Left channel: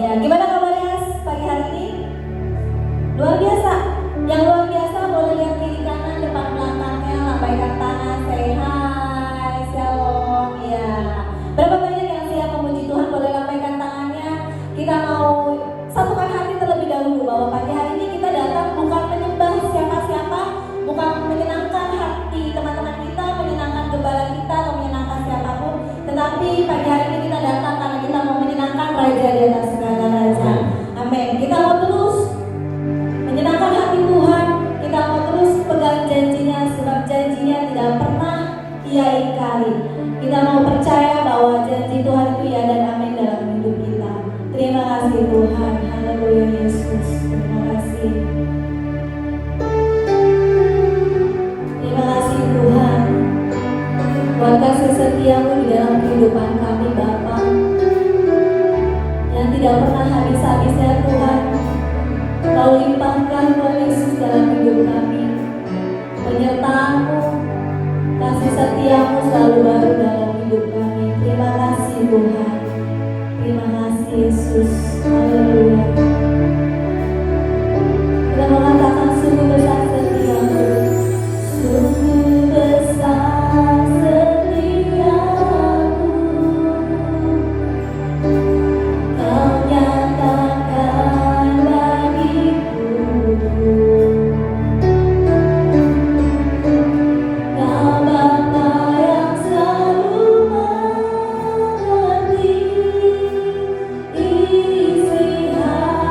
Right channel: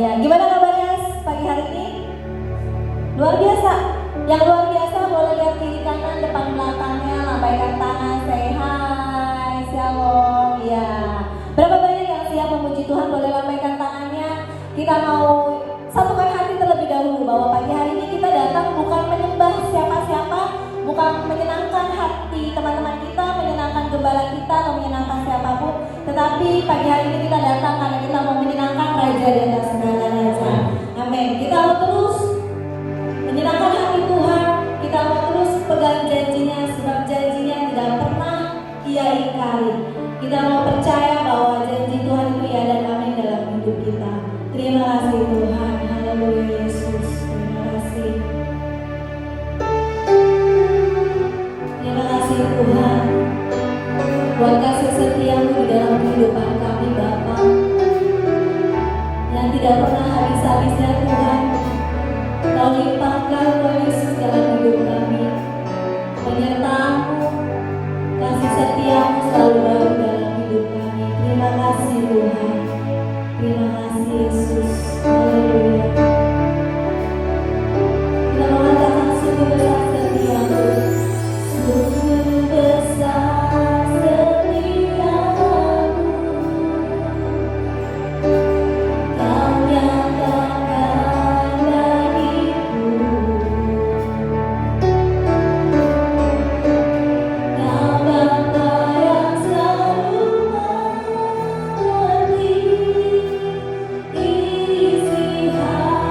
Ya, gimana kabarnya pagi hari ini? Luar biasa. Yang luar biasa boleh lihat kiri kanan depan belakangnya, lambaikan tangan, say hi, shalom. Ya. Berapa banyak yang siap memuji Tuhan? Boleh lambaikan tangannya. Kita mau satukan hati terlebih dahulu bahwa pagi hari ini kita datang bukan menyembah siapa-siapa, bukan menyenangkan hati teman-teman kita, menyenangkan gembala kita, atau menyenangkan siapapun. Tetapi pagi hari ini kita datang karena kita mau menyenangkan Raja di atas segala raja. Amin. Kita mau terus menyenangkan hati Tuhan. Kita mau terus pegang janjinya, sebab janjinya tidak pernah Ia ingkari. Kita mau percaya bahwa janji Tuhan itu ya dan amin dalam hidup kita. Terima kasih Tuhan. Haleluya Yesus. Terima kasih. Terima kasih Tuhan. Buat kasih setiamu di dalam kehidupan kami Bapa, yang tidak pernah habis-habisnya Tuhan. Kau limpahkan Tuhan Yesus dalam hidup kami. Penyertaan-Mu, kasih setiamu selalu baru dalam hidup kami. Terima kasih Tuhan. Terima kasih Yesus. Haleluya. Kita mengatakan sungguh besar setiamu. Sungguh besar setiamu. Kau nyatakan bagiku. Kau Bapa yang selalu mengerti isi hati.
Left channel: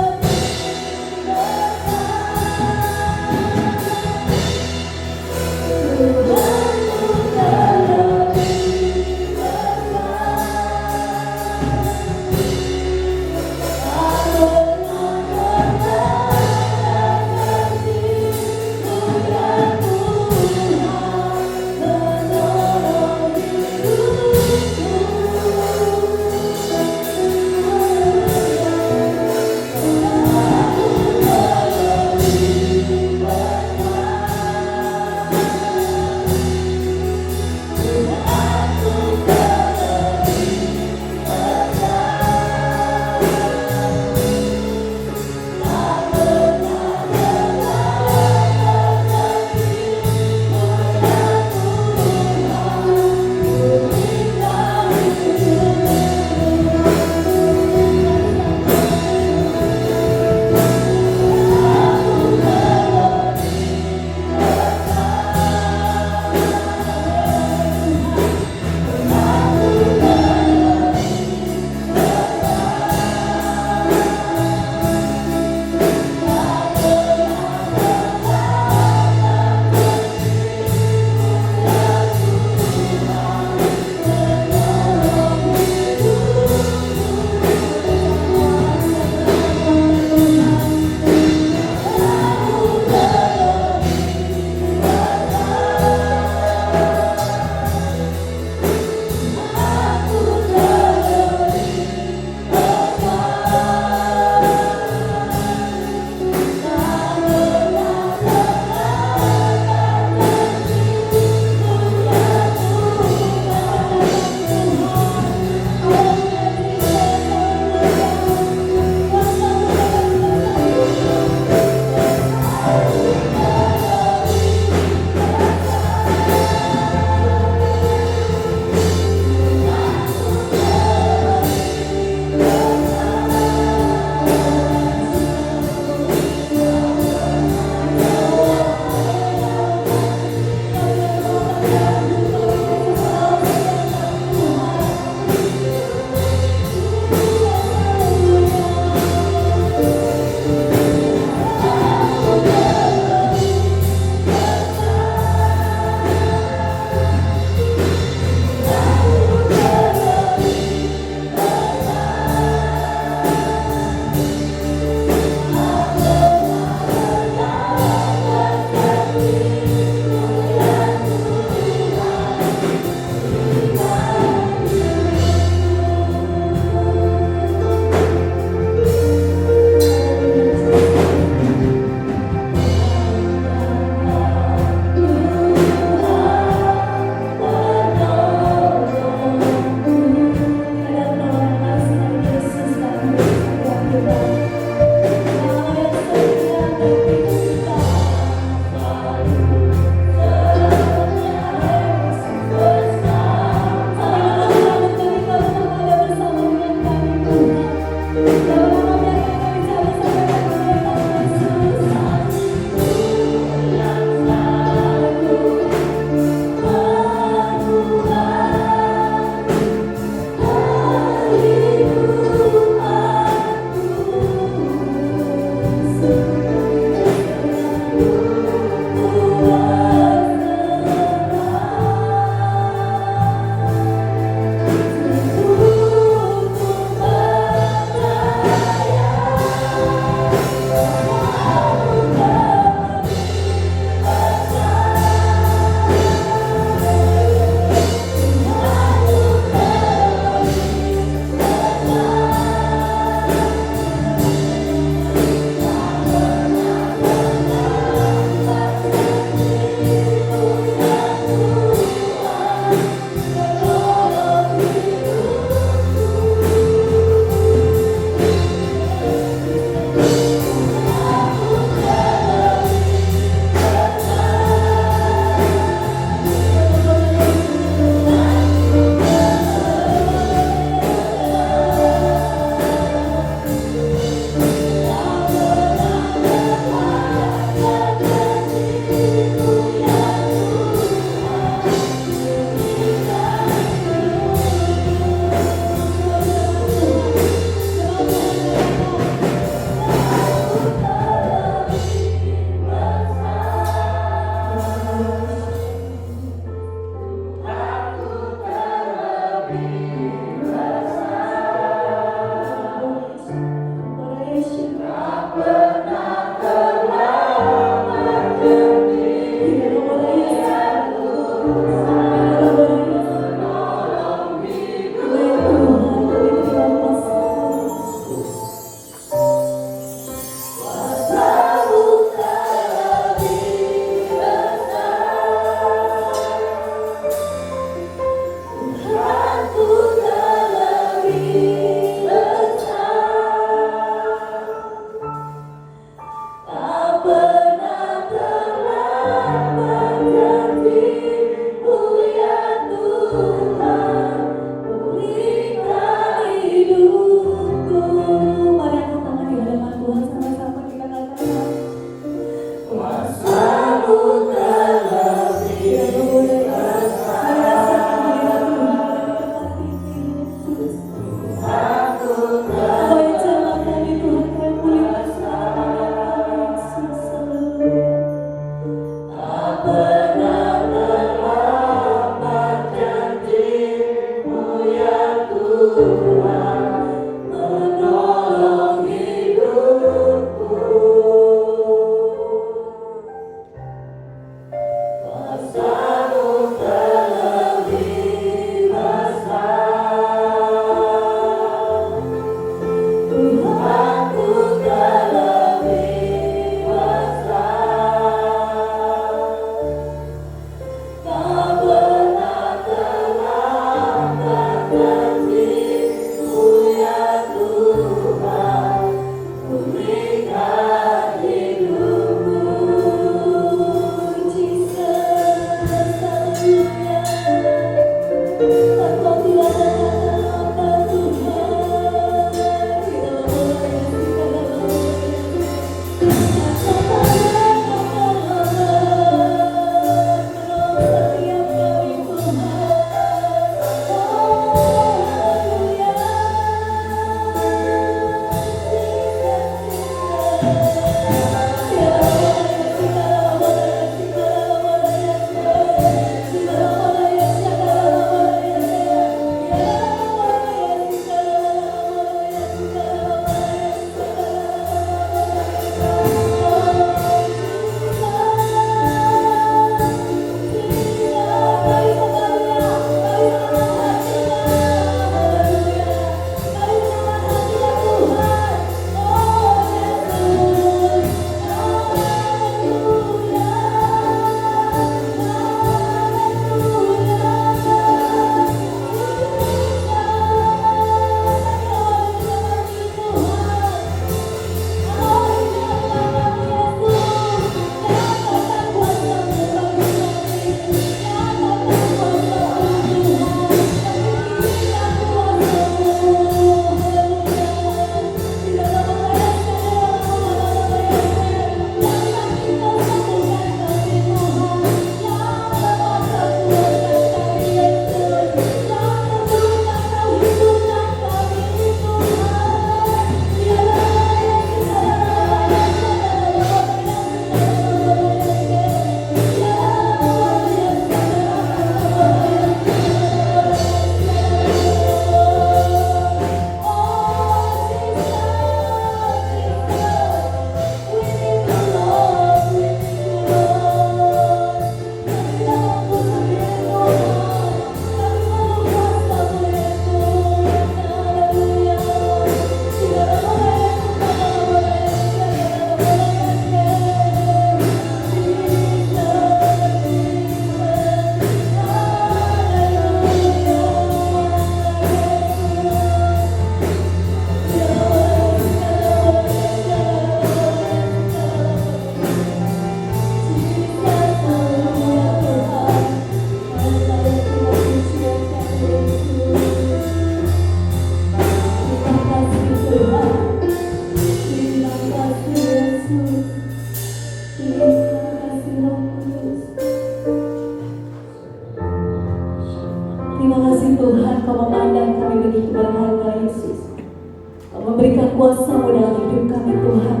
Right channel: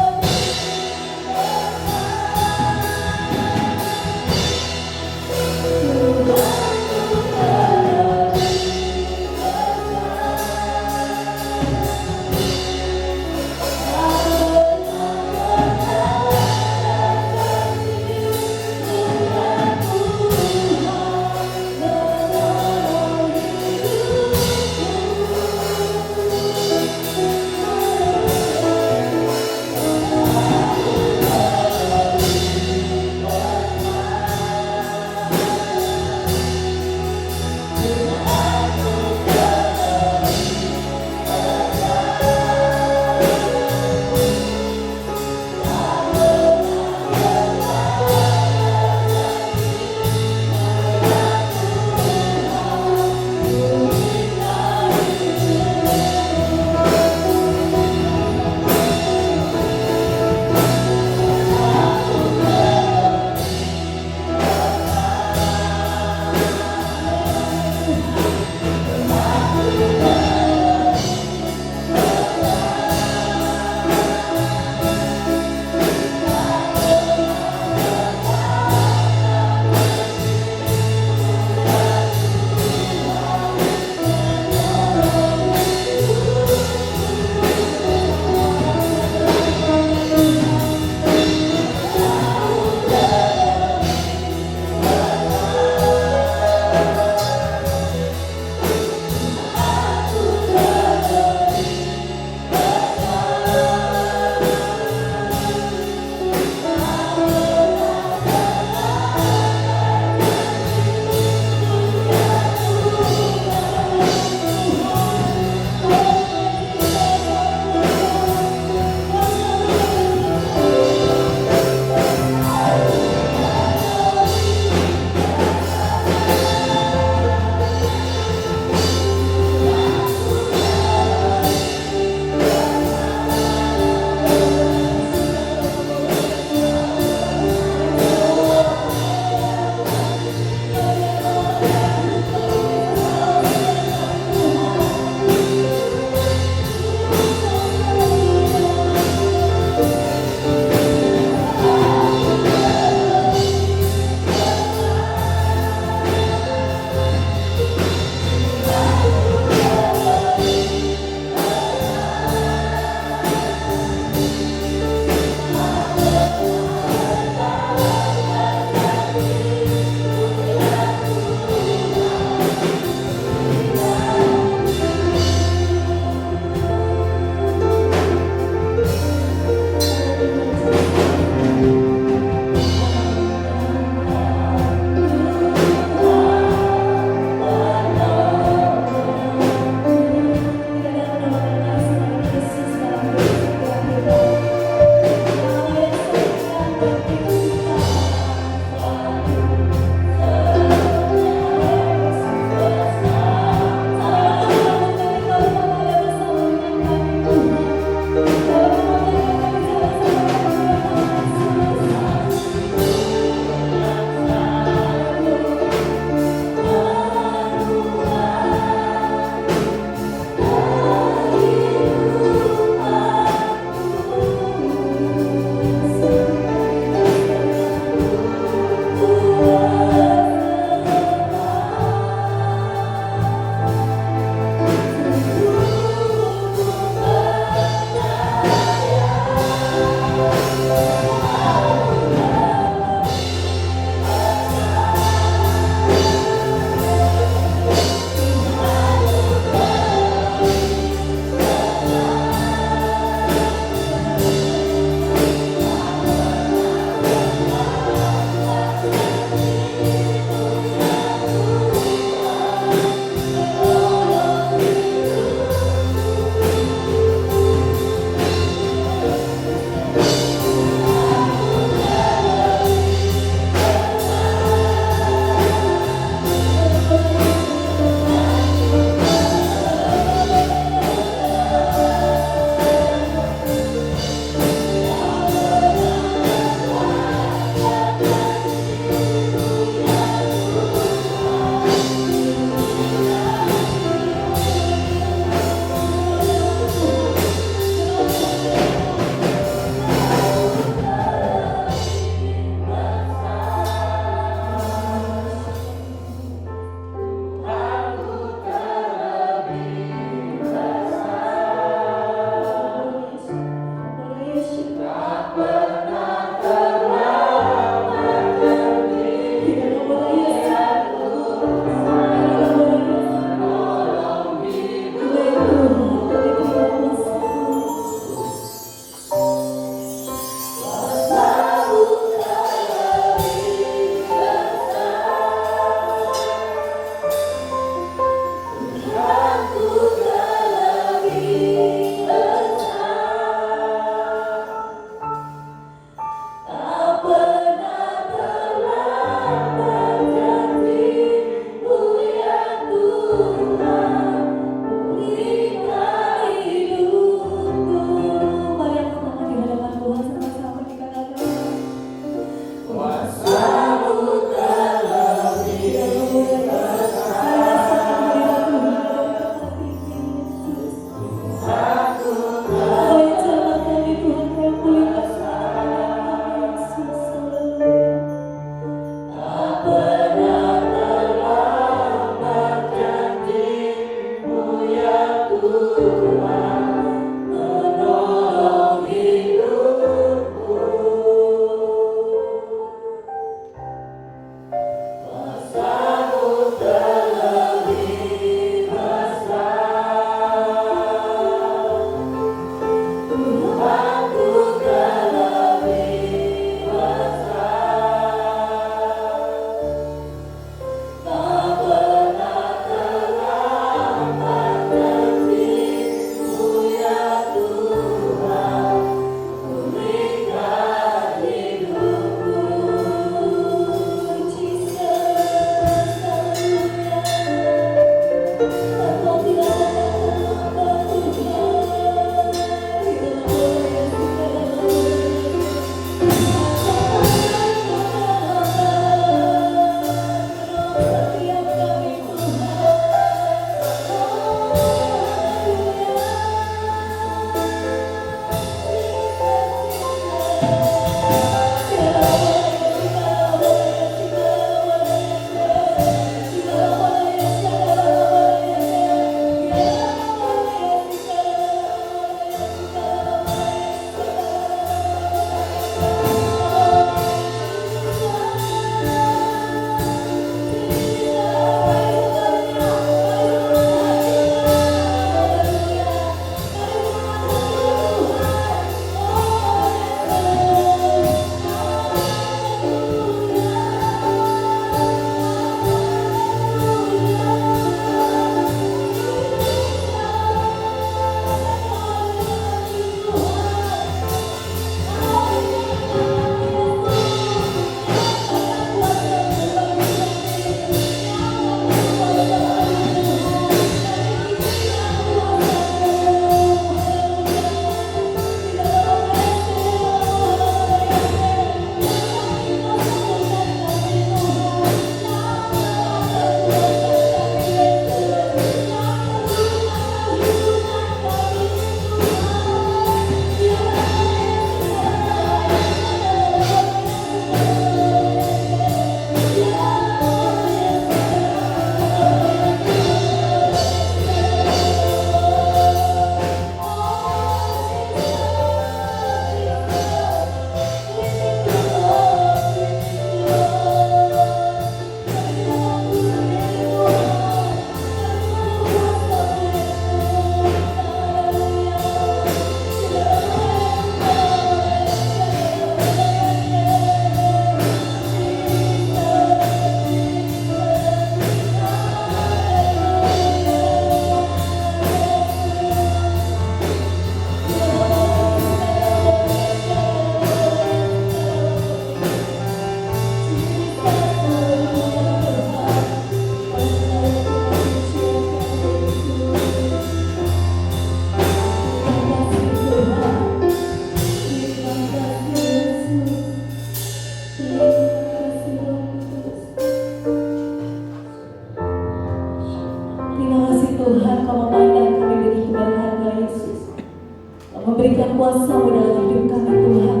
kuasa-Mu dalam hidup kami Tuhan.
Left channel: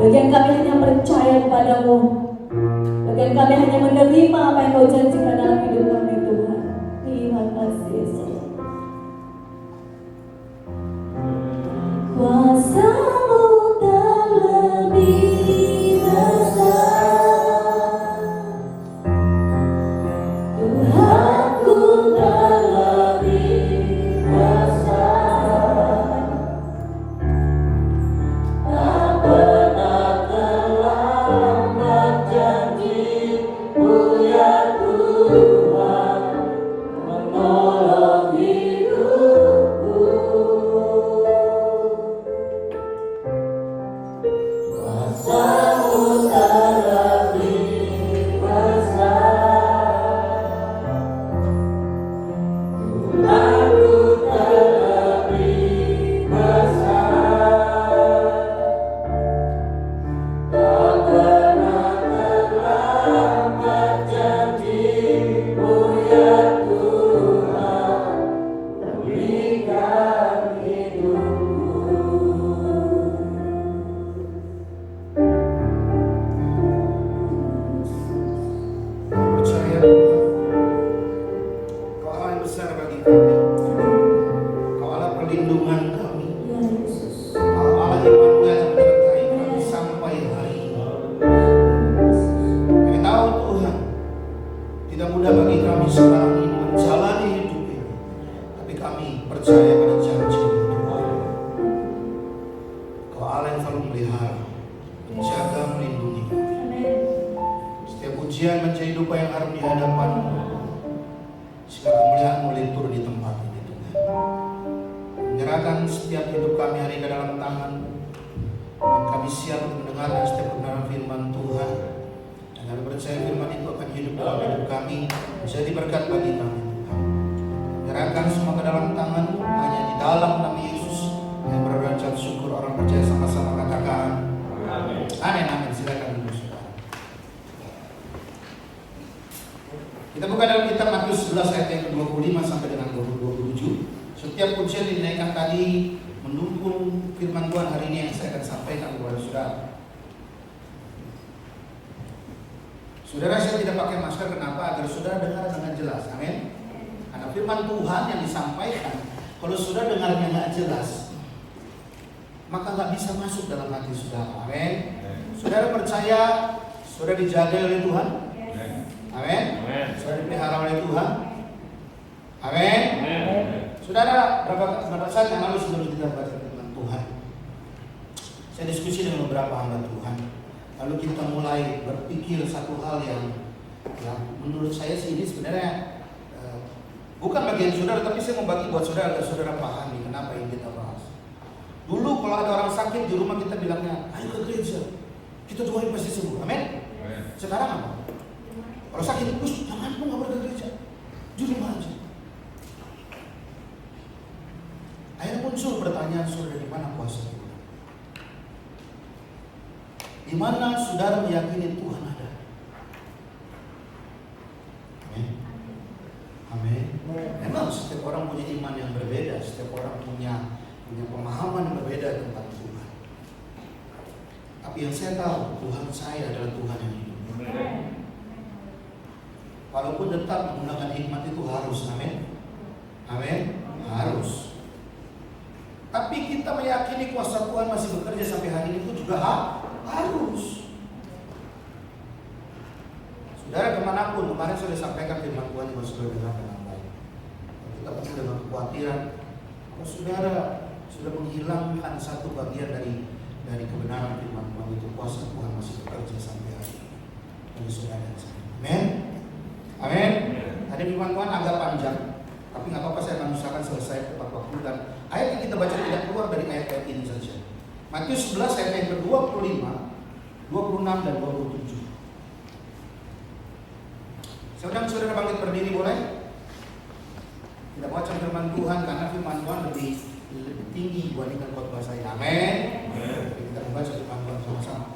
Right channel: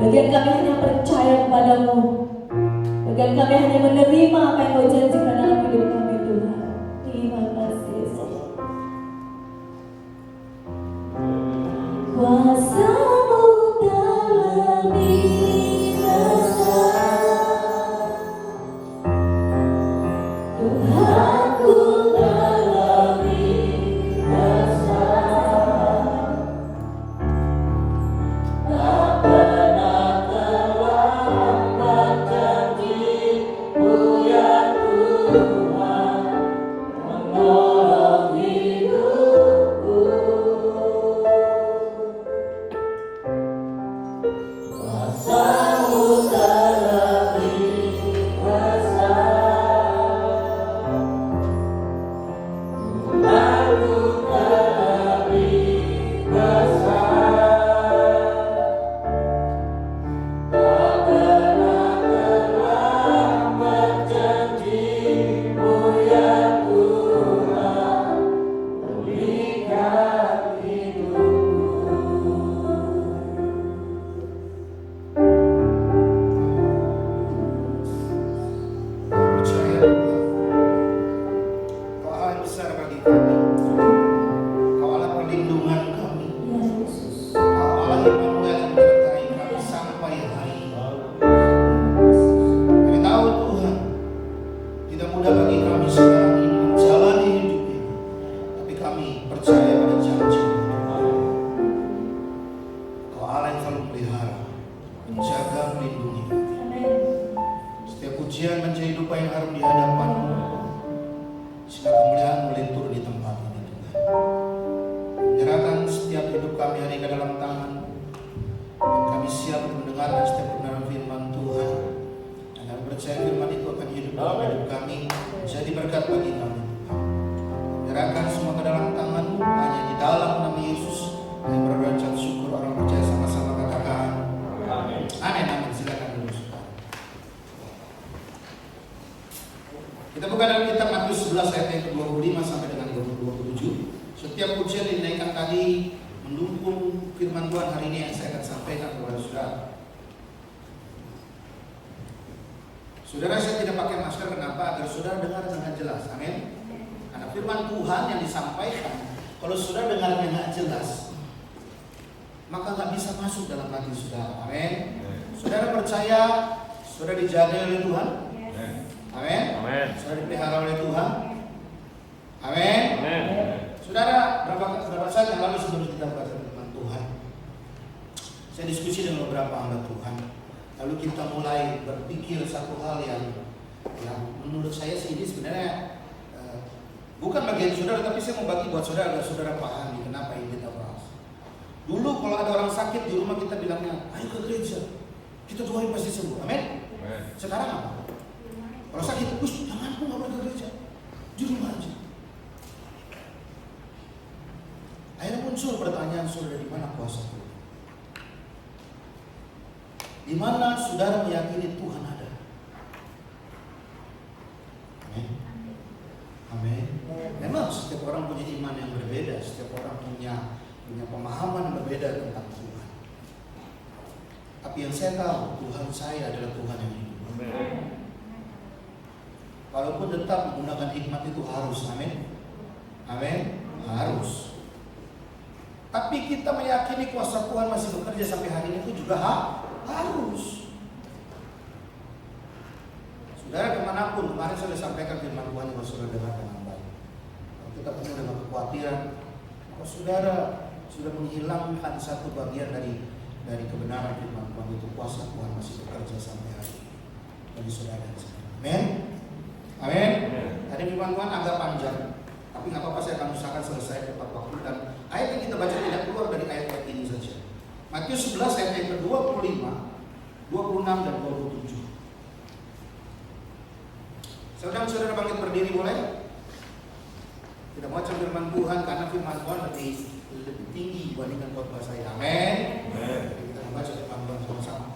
Bagian kami hanya percaya kepadamu. Bagian kami hanya menerima apa yang Kau janjikan dalam hidup kami Tuhan. Terima kasih Yesus. Kuasa-Mu tak lebih besar, Tuhanku tak lebih besar, tak pernah terlambat janji-Mu ya Tuhan, menolong hidupku. Kuasa-Mu tak lebih besar, Tuhanku tak lebih besar, tak pernah terlambat janji-Mu ya Tuhan, berikan hidupku. Percaya Kau Allah yang besar bagi kami. Kau Allah perlindungan kami. Ya Yesus. Kau Allah Immanuel yang menyertai kami sampai hari ini. Kami tahu Tuhan, tidak mudah bagi kami sekarang ini menjalani hidup ini. Tapi kami percaya pada janji Tuhan. Kau Allah yang selalu pelihara, menjaga, melindungi kami. Amin. Setiap ujian menjadi dupa yang harum di hadapan-Mu. Segala kemuliaan-Mu limpur di tempat ini Tuhan. Menyerahkan setiap hidup kami hari ke dalam tangan-Mu. Dan kami siap untuk mendengarkan setiap kebenaran firman Tuhan. Dan kami percaya firman itu akan hidup dalam hidup kami, menjadi berkat bagi kami Tuhan. Menyerahkan semua ke dalam tangan-Mu, hanya di dalam nama Yesus. Kami berucap syukur, orang percaya sama-sama katakan amin. Amin. Silakan duduk saudara. Kita buka dalam kitab Matius 11 ayat yang ke-25 sampai dengan 27. Setiap pujian yang dinaikkan tadi mendukung firman Tuhan hari ini yang saya akan sampaikan kepada saudara. Saudara, saya tidak pakai masker, kenapa? Agar saudara dengar dengan jelas. Amin. Karena firman Tuhan yang disampaikan, kalau saudara dengar dengan jelas, maka nggak bisa masuk dalam hati saudara. Amin. Saudara percaya saudara dijaga oleh Tuhan? Amin. Saudara dipelihara oleh Tuhan? Amin. Saudara, beberapa saat yang lalu sebelum kita baca firman Tuhan, saya diskusi dengan beberapa hamba Tuhan. Lalu kita mulai berpikir satu hal yang menurut saya sih ini sebenarnya bukan bagian saudara, tapi saya mau bagi buat saudara agar saudara pahami kenapa ini kita bahas. Dulu kalau ada orang sakit di rumah kita bilangnya, ayo ke gereja, kita doain pasti sembuh. Amin. Sekarang apa? Kalau sakit, jangan pun nggak pergi ke gereja, di rumah aja. Akhirnya muncul pertanyaan, saudara, di mana kuasa Tuhan? Di mana saudara meyakini Tuhan ada? Amin. Amin. Memang setiap orang punya iman yang berbeda, setiap orang punya pemahaman yang berbeda tentang Tuhan. Tapi yang saya tahu, Tuhan saya adalah Tuhan yang hidup. Walaupun tetap menggunakan hikmat itu harus, amin. Amin. Harus. Tapi kita meyakini kuasa Tuhan masih bekerja sampai hari ini itu juga harus. Saudara, kemanapun, kemarin saya sudah sampaikan firman Tuhan yang saudara dengar dengan baik. Kita penuh dengan kekhawatiran, kalau saudara sudah menghilangkan satu bagian dari kebenaran firman Tuhan itu, kuasa Tuhan masih bekerja sampai hari ini bagi saudara dan saya. Amin. Amin. Ada firman Tuhan agak panjang, tapi nggak apa-apa, saya akan usahakan selesai tepat waktu. Dan ayat yang kita baca tidak keluar dari ayat ini saja. Matius 11 ayat yang ke-25, 26 dan 27. Saya undang saudara bangkit berdiri, boleh? Kita baca firman Tuhan karena firman Tuhan lebih tinggi dibandingkan khotbah saya. Amin. Kita membaca firman Tuhan sama-sama.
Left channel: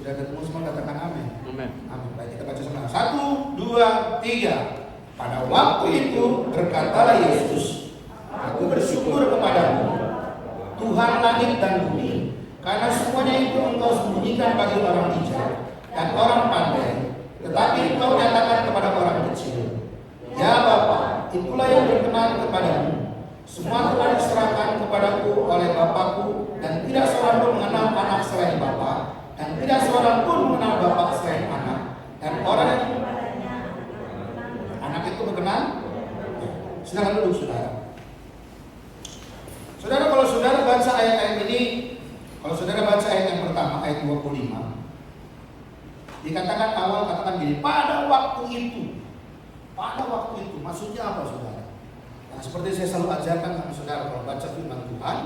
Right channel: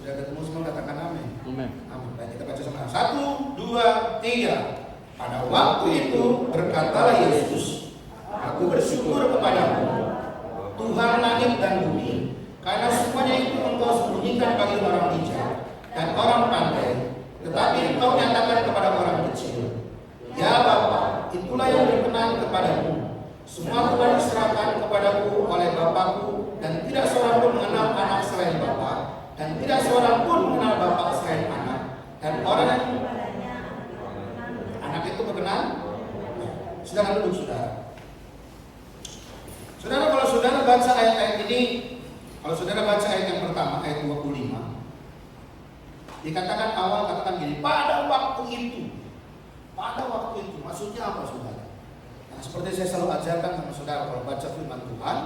Sudah ketemu semua, katakan amin. Amin. Baik, kita baca sama. 1, 2, 3. Pada waktu itu berkatalah Yesus, aku bersyukur kepadamu, Tuhan langit dan bumi, karena semuanya itu engkau sembunyikan bagi orang bijak dan orang pandai, tetapi engkau nyatakan kepada orang kecil. Ya Bapa, itulah yang berkenan kepadamu. Semua telah diserahkan kepadaku oleh Bapakku, dan tidak seorang pun mengenal anak selain Bapa, dan tidak seorang pun mengenal Bapa selain anak, dan orang yang anak itu berkenan. Silakan duduk, saudara. Saudara, kalau saudara baca ayat-ayat ini, kalau saudara baca ayat yang pertama, ayat 25, dikatakan awal, katakan gini, pada waktu itu. Pada waktu itu, maksudnya apa, saudara? Nah, seperti saya selalu ajarkan sama saudara, kalau baca firman Tuhan,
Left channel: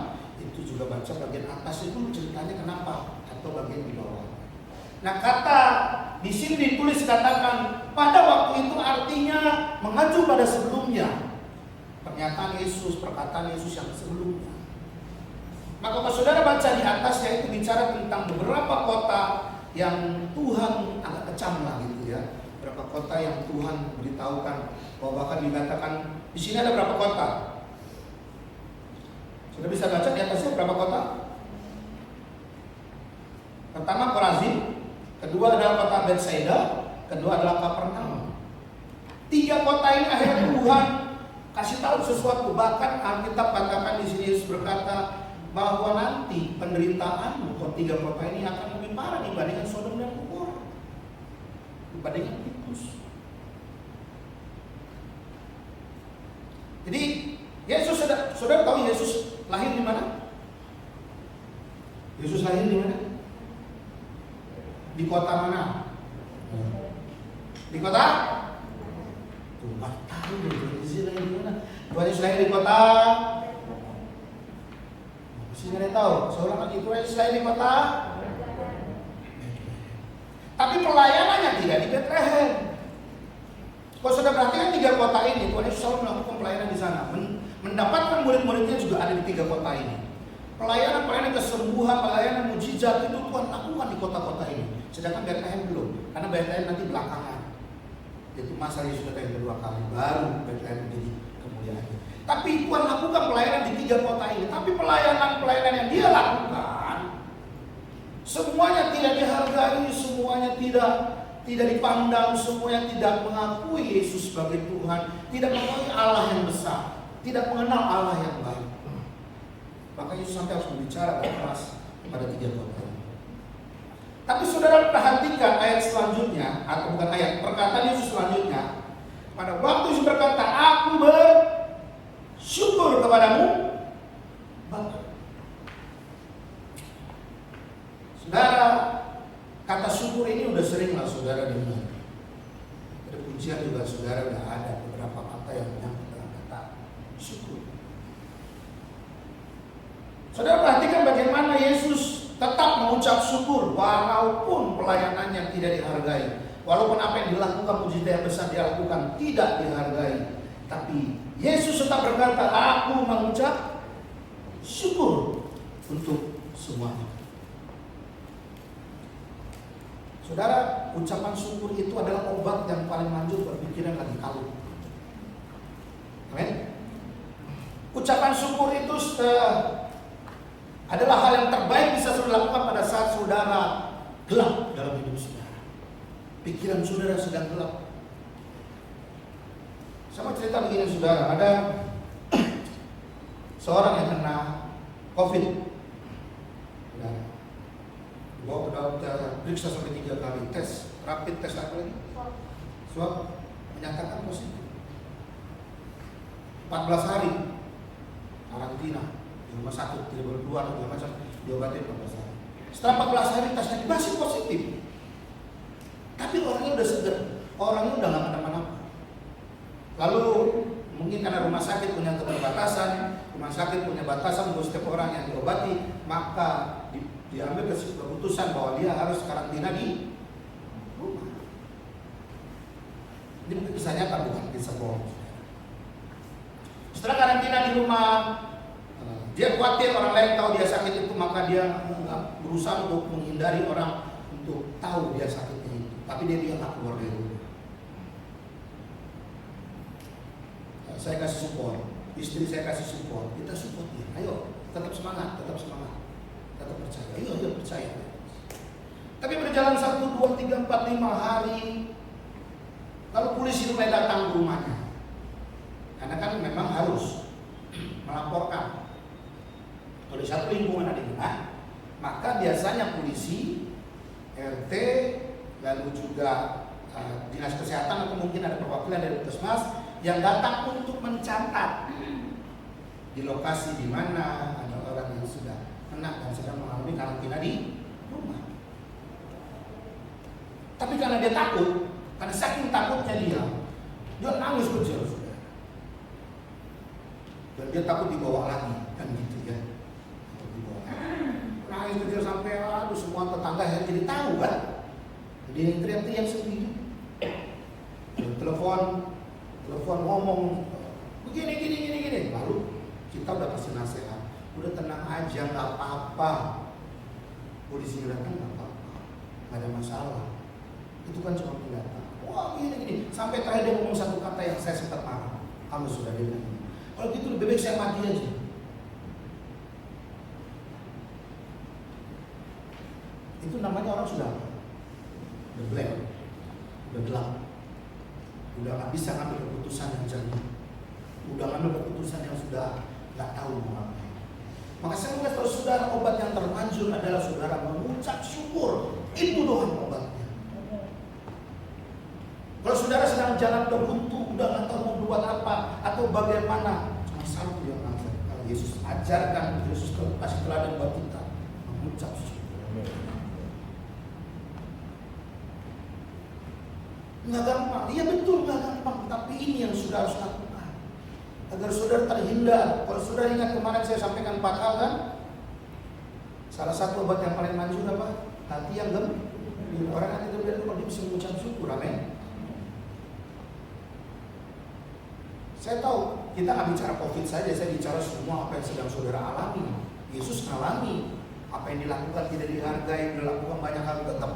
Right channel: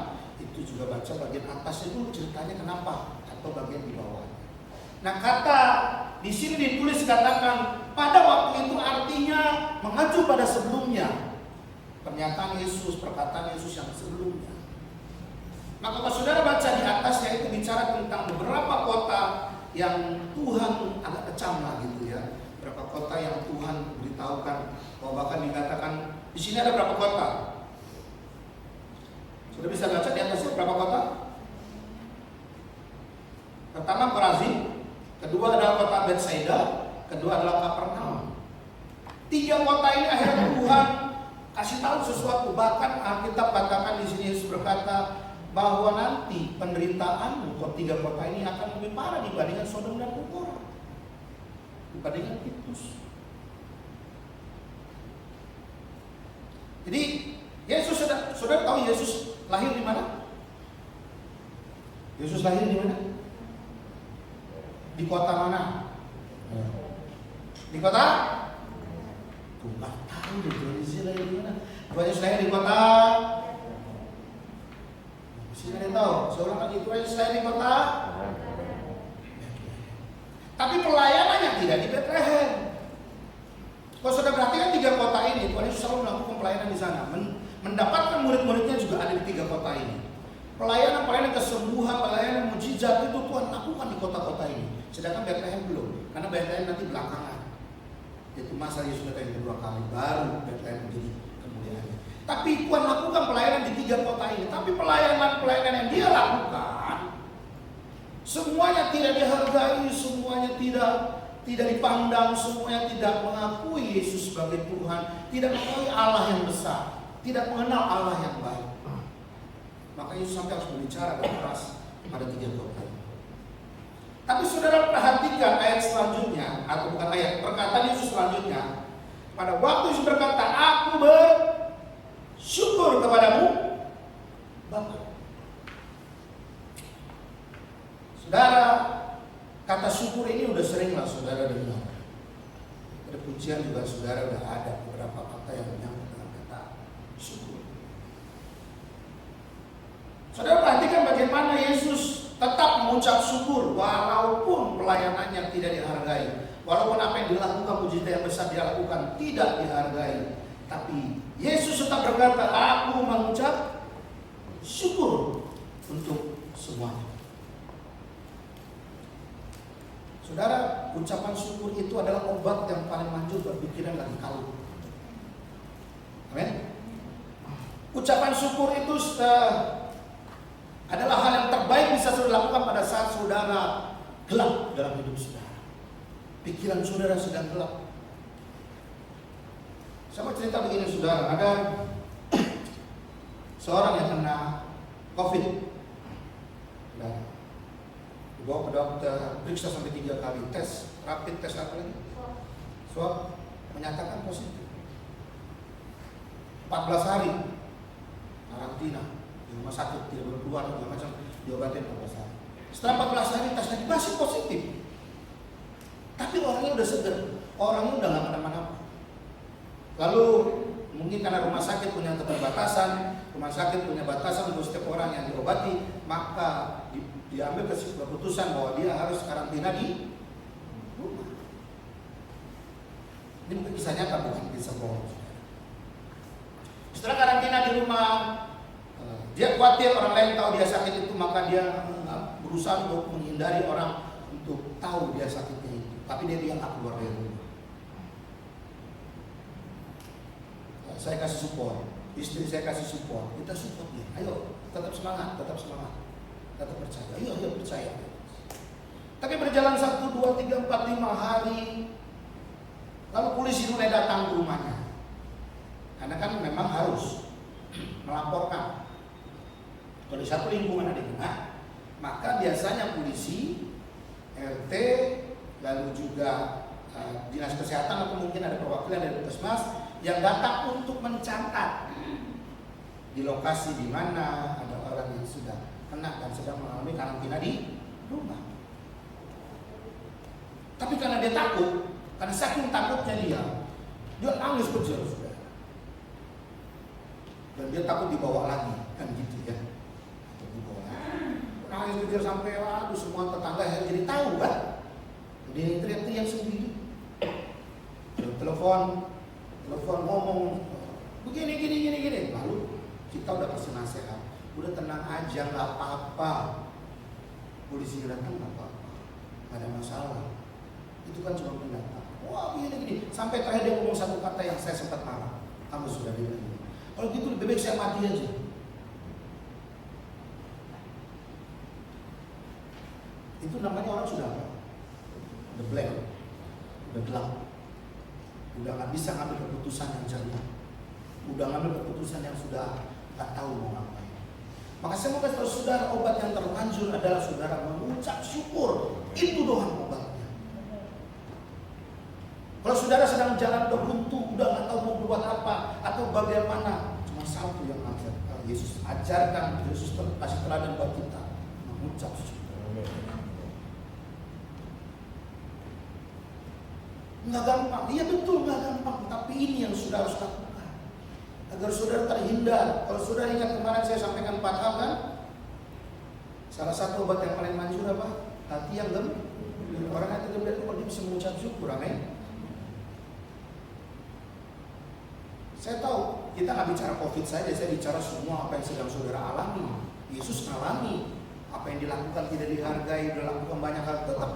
itu juga baca bagian atas itu ceritanya kenapa, atau bagian di bawah. Nah, kata di sini ditulis katakan pada waktu itu artinya mengacu pada sebelumnya. Pernyataan Yesus, perkataan Yesus yang sebelumnya. Maka kalau saudara baca di atasnya itu bicara tentang beberapa kota yang Tuhan agak kecam lah gitu ya. Berapa kota yang Tuhan beritahukan, bahwa bahkan dikatakan di sini ada berapa kota? Sudah bisa baca di atasnya berapa kota? Pertama Korazim, kedua adalah kota Betsaida, kedua adalah Kapernaum. 3 kota ini akhirnya Tuhan kasih tahu sesuatu. Bahkan Alkitab katakan di sini Yesus berkata bahwa nanti penderitaan 3 kota ini akan lebih parah dibandingkan Sodom dan Gomora, dibandingkan Titus. Jadi Yesus, saudara tahu Yesus lahir di mana? Yesus lahir di mana? Di kota mana? Di kota? Tuh, nggak tahu Yesus lahir di mana? Yesus lahir di kota? Masih ada yang tahu? Seorang lagi Yesus lahir di kota? Tapi pelayanannya tidak di Bethlehem. Kalau sudah perhatikan 3 kota ini, Tuhan Yesus selalu melakukan pelayanan di sana. Mendapatkan murid-muridnya juga ada di 3 kota ini. Pelayanan kesembuhan, pelayanan mujizat itu Tuhan lakukan di kota-kota ini. Sedangkan Bethlehem belum, karena Bethlehem nanti belakangan. Itu masa Yesus datang yang kedua kali, baru Bethlehem menjadi kemuliaan. Tapi Tuhan lakukan pelayanan di 3 kota ini. Tapi pelayanan yang dia lakukan Semuanya tidak dihargai, semuanya tidak dipandang, semuanya tidak mengakui Yesus sebagai Tuhan, tidak mengakui Allah yang besar, tidak mengenal Allah yang baik. Maka Yesus sampai harus berbicara keras pada 3 tahun. Tapi saudara perhatikan ayat selanjutnya, atau bukan ayat, perkataan Yesus selanjutnya. Pada waktu Yesus berkata, aku bersyukur kepadamu, Bapa. Saudara, kata syukur ini udah seringlah saudara dengar. Ada pujian juga saudara udah ada beberapa kata yang menyangkut dalam kata syukur. Saudara perhatikan bagaimana Yesus tetap mengucap syukur walaupun pelayanannya tidak dihargai, walaupun apa yang dilakukan, mujizat yang besar dilakukan tidak dihargai. Tapi Yesus tetap berkata, aku mengucap syukur untuk semuanya. Saudara, ucapan syukur itu adalah obat yang paling manjur buat pikiran lagi kalut. Amin. Ucapan syukur itu adalah hal yang terbaik bisa saudara lakukan pada saat saudara gelap dalam hidup saudara. Pikiran saudara sedang gelap. Saya mau cerita begini saudara, ada seorang yang kena COVID. Bawa ke dokter, periksa sampai 3 kali, tes, rapid tes apa lagi? Swab, menyatakan positif. 14 hari karantina di rumah sakit, tidak boleh keluar, segala macam, diobatin 14 hari. Setelah 14 hari tesnya masih positif. Tapi orangnya udah seger, orangnya udah gak kenapa-napa. Lalu mungkin karena rumah sakit punya keterbatasan, rumah sakit punya batasan untuk setiap orang yang diobati, maka diambil keputusan bahwa dia harus karantina di rumah. Ini mungkin kisah nyata, bukan kisah bohong. Setelah karantina di rumah, dia khawatir orang lain tahu dia sakit itu, maka dia berusaha untuk menghindari orang untuk tahu dia sakitnya itu. Tapi dia nggak keluar dari rumah. Saya kasih support, istri saya kasih support, kita support dia. Ayo, tetap semangat, tetap semangat. Tetap percaya, ayo percaya. Tapi berjalan 1, 2, 3, 4, 5 hari, lalu polisi mulai datang ke rumahnya. Karena kan memang harus melaporkan. Kalau di satu lingkungan ada rumah, maka biasanya polisi, RT, lalu juga dinas kesehatan atau mungkin ada perwakilan dari puskesmas yang datang untuk mencatat di lokasi di mana ada orang yang sudah kena dan sedang mengalami karantina di rumah. Tapi karena dia takut, karena saking takutnya dia nangis kejar saudara. Dan dia takut dibawa lagi, kan gitu ya. Nangis kejar sampai semua tetangga yang jadi tahu kan. Jadi yang teriak-teriak sendiri. Telepon ngomong begini. Lalu kita udah kasih nasihat. Udah tenang aja, nggak apa-apa. Polisi datang nggak apa-apa, nggak ada masalah. Itu kan cuma pendatang. Wah gini. Sampai terakhir dia ngomong satu kata yang saya sempat marah. Kamu sudah bilang ini. Kalau gitu lebih baik saya mati aja. Itu namanya orang sudah apa? Udah blank, udah gelap, udah nggak bisa ngambil keputusan yang jernih, udah ngambil keputusan yang sudah nggak tahu mau ngapain. Maka saya mau katakan saudara, obat yang termanjur adalah saudara mengucap syukur. Itu doang obatnya. Kalau saudara sedang jalan udah buntu, udah nggak tahu mau buat apa atau bagaimana, cuma satu yang ajar. Kalau Yesus ajarkan, Yesus kasih teladan buat kita mengucap syukur. Nggak gampang, iya betul nggak gampang, tapi ini yang saudara harus lakukan agar saudara terhindar. Kalau saudara ingat kemarin saya sampaikan 4 hal kan, salah satu obat yang paling manjur apa? Hati yang gembira. Orang hati gembira itu kalau dia bisa mengucap syukur, amin. Saya tahu kita nggak bicara COVID saja, saya bicara semua apa yang sedang saudara alami. Yesus alami apa yang dilakukan tidak dihargai, dilakukan banyak hal, tetap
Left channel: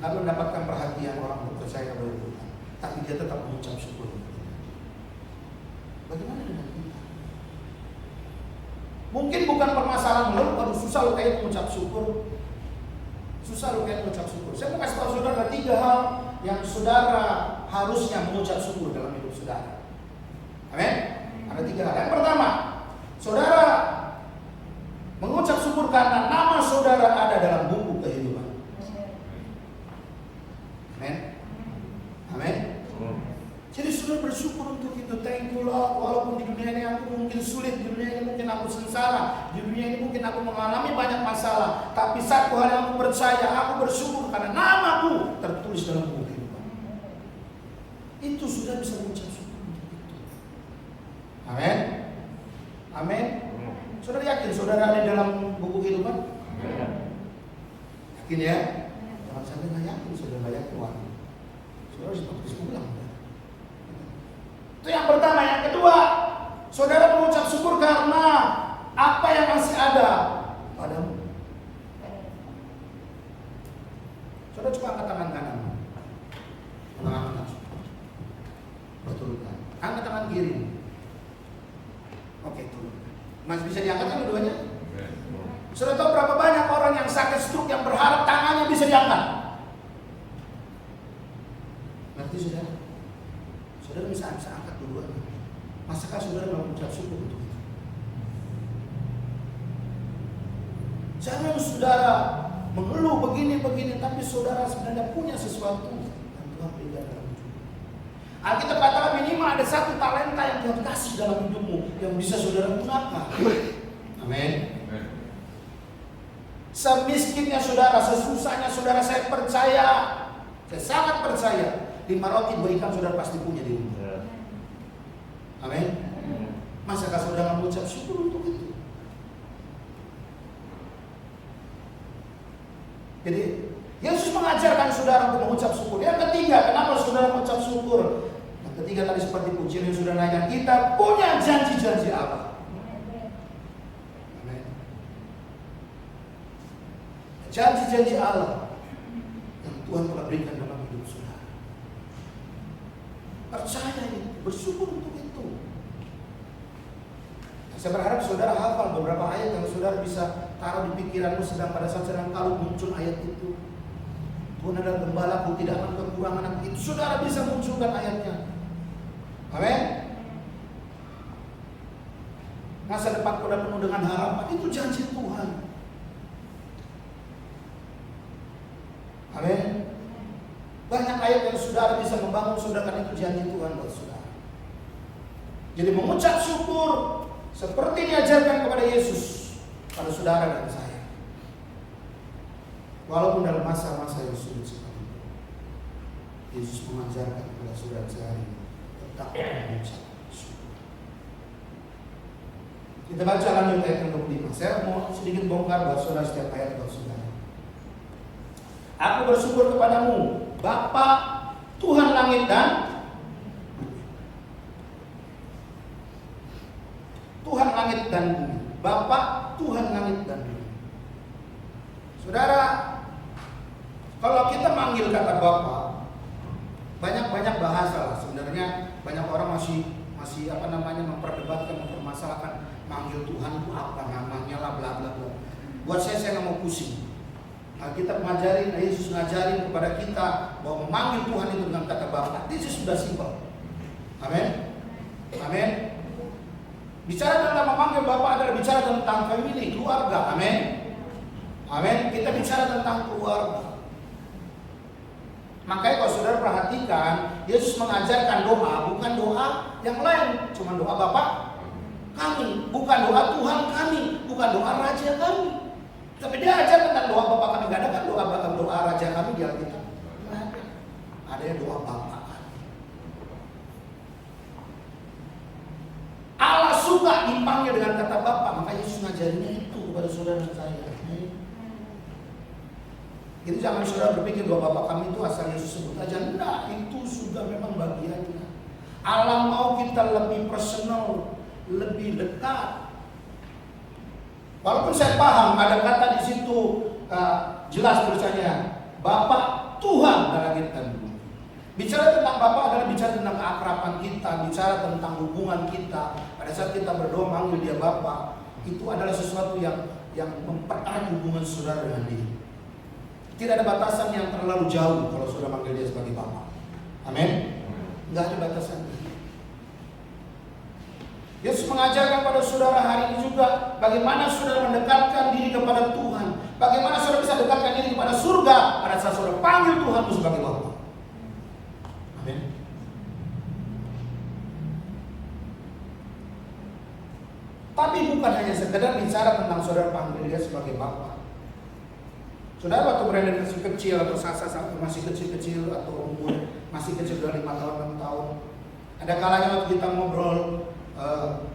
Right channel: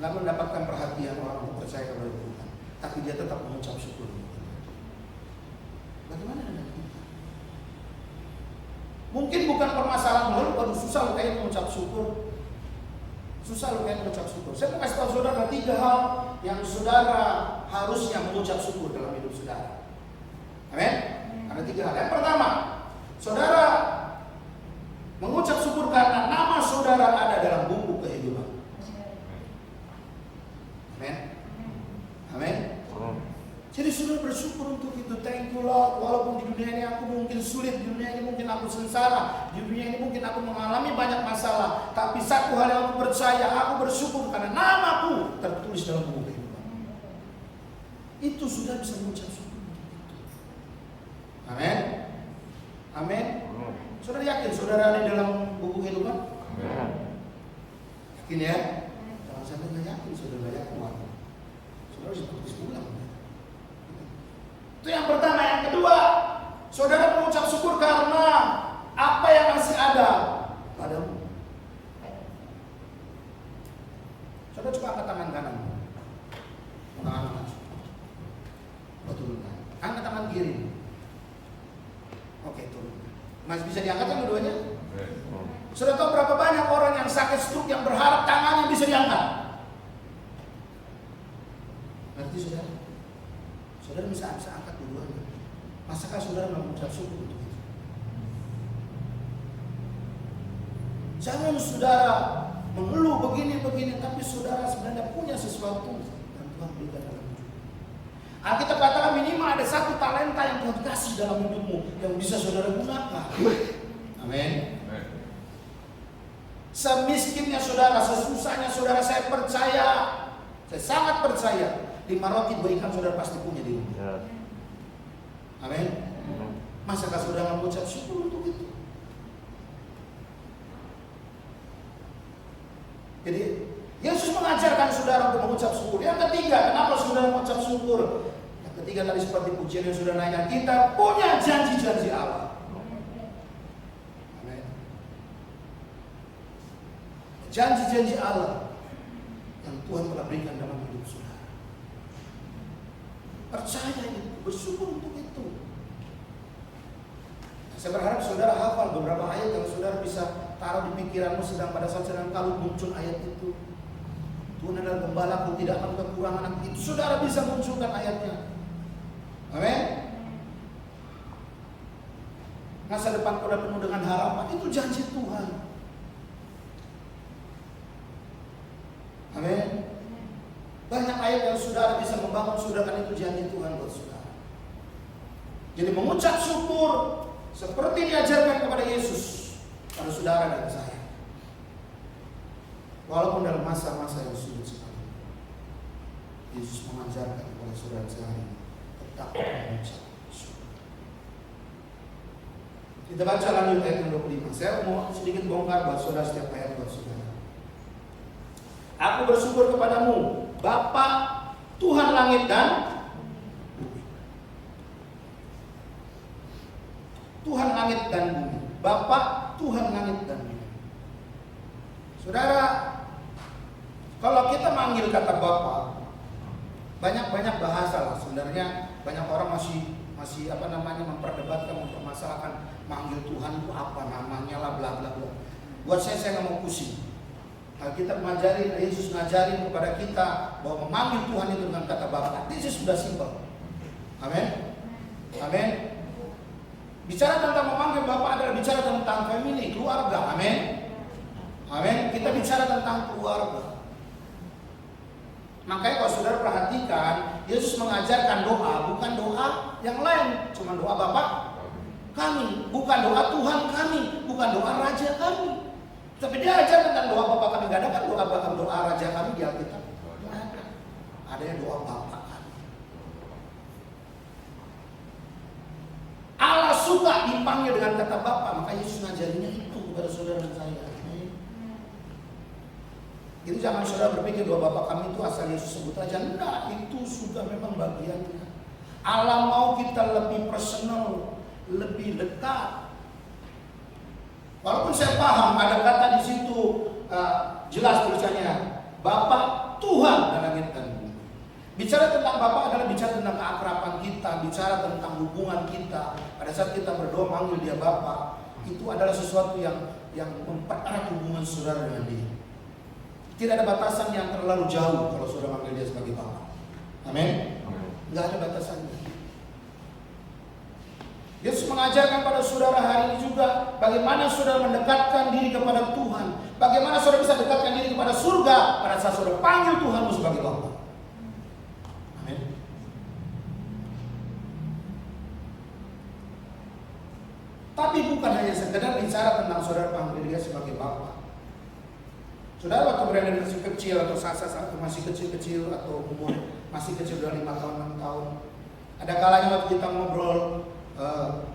nggak mendapatkan perhatian orang percaya kepada Tuhan, tapi dia tetap mengucap syukur. Bagaimana dengan kita? Mungkin bukan permasalahan lalu kalau susah lo kayak mengucap syukur. Susah lu kayak mengucap syukur. Saya mau kasih tahu saudara 3 hal yang saudara harusnya mengucap syukur dalam hidup saudara. Amin. Ada 3 hal. Yang pertama, saudara mengucap syukur karena nama saudara ada dalam buku kehidupan. Amin. Amin. Jadi saudara bersyukur untuk itu. Thank you Lord. Walaupun di dunia ini aku mungkin sulit, di dunia ini mungkin aku sengsara, di dunia ini mungkin aku mengalami banyak masalah, tapi satu hal yang aku percaya, aku bersyukur karena namaku tertulis dalam buku kehidupan. Itu sudah bisa mengucap syukur untuk itu. Amin. Amin. Saudara yakin saudara ada dalam buku kehidupan? Yakin ya? Jangan sampai nggak yakin saudara nggak yakin. Saudara seperti sebulan. Itu yang pertama. Yang kedua, saudara mengucap syukur karena apa yang masih ada padamu. Saudara coba angkat tangan kanan. Tangan kanan. Betul kan? Angkat tangan kiri. Oke, turun. Masih bisa diangkat kan dua-duanya? Saudara tahu berapa banyak orang yang sakit stroke yang berharap tangannya bisa diangkat? Ngerti saudara? Saudara bisa angkat dua-duanya. Masakah saudara mengucap syukur untuk itu? Jangan saudara mengeluh begini-begini, tapi saudara sebenarnya punya sesuatu yang Tuhan berikan dalam hidup. Alkitab katakan minimal ada 1 talenta yang Tuhan kasih dalam hidupmu yang bisa saudara gunakan. Amin. Semiskinnya saudara, sesusahnya saudara, saya percaya, saya sangat percaya, 5 roti 2 ikan saudara pasti punya di rumah. Amin. Masakah saudara mengucap syukur untuk itu? Jadi Yesus mengajarkan saudara untuk mengucap syukur. Yang ketiga, kenapa saudara mengucap syukur? Yang ketiga tadi seperti pujian yang sudah naikkan, kita punya janji-janji Allah. Amin. Janji-janji Allah yang Tuhan telah berikan dalam hidup saudara. Percaya itu, bersyukur untuk itu. Saya berharap saudara hafal beberapa ayat yang saudara bisa taruh di pikiranmu sedang pada saat sedang kalau muncul ayat itu. Tuhan adalah gembalaku, tidak akan kekurangan aku. Itu saudara bisa munculkan ayatnya. Amin. Masa depan pada penuh dengan harapan, itu janji Tuhan. Amin. Banyak ayat yang saudara bisa membangun saudara, kan itu janji Tuhan buat saudara. Jadi mengucap syukur seperti diajarkan kepada Yesus pada saudara dan saya. Walaupun dalam masa-masa yang sulit sekali, Yesus mengajarkan kepada saudara sekali tetap mengucap syukur. Kita baca lanjut ayat yang 25. Saya mau sedikit bongkar buat saudara setiap ayat buat saudara. Aku bersyukur kepadamu, Bapa Tuhan langit dan bumi. Tuhan langit dan bumi. Bapa Tuhan langit dan bumi. Saudara, kalau kita manggil kata Bapa, banyak bahasa lah. Sebenarnya banyak orang masih memperdebatkan, mempermasalahkan manggil Tuhan itu apa namanya lah, bla bla bla. Buat saya nggak mau pusing. Kita mengajarin, Yesus ngajarin kepada kita bahwa memanggil Tuhan itu dengan kata Bapa. This is sudah simple. Amin. Amin. Bicara tentang memanggil Bapa adalah bicara tentang family, keluarga. Amin. Amin. Kita bicara tentang keluarga. Makanya kalau saudara perhatikan, Yesus mengajarkan doa, bukan doa yang lain, cuma doa Bapa kami, bukan doa Tuhan kami, bukan doa Raja kami. Tapi dia ajar tentang doa Bapa kami. Gak ada kan doa Raja kami di Alkitab? Ada doa Bapa kami. Allah suka dipanggil dengan kata Bapa, maka Yesus ngajarinnya itu kepada saudara dan saya. Jadi jangan saudara berpikir bahwa Bapa kami itu asal Yesus sebut aja. Enggak, itu sudah memang bagiannya. Allah mau kita lebih personal, lebih dekat. Walaupun saya paham ada kata di situ jelas tulisannya Bapa Tuhan dan langit dan bumi. Bicara tentang Bapa adalah bicara tentang keakraban kita, bicara tentang hubungan kita. Pada saat kita berdoa manggil dia Bapa, itu adalah sesuatu yang mempererat hubungan saudara dengan dia. Tidak ada batasan yang terlalu jauh kalau sudah manggil dia sebagai Bapa. Amin. Nggak ada batasannya. Yesus mengajarkan pada saudara hari ini juga bagaimana saudara mendekatkan diri kepada Tuhan. Bagaimana saudara bisa dekatkan diri kepada surga pada saat saudara panggil Tuhan itu sebagai Bapa. Amin. Tapi bukan hanya sekedar bicara tentang saudara panggil dia sebagai Bapa. Saudara waktu berada masih kecil atau saat masih kecil-kecil atau umur masih kecil dari 5 tahun 6 tahun, ada kalanya waktu kita ngobrol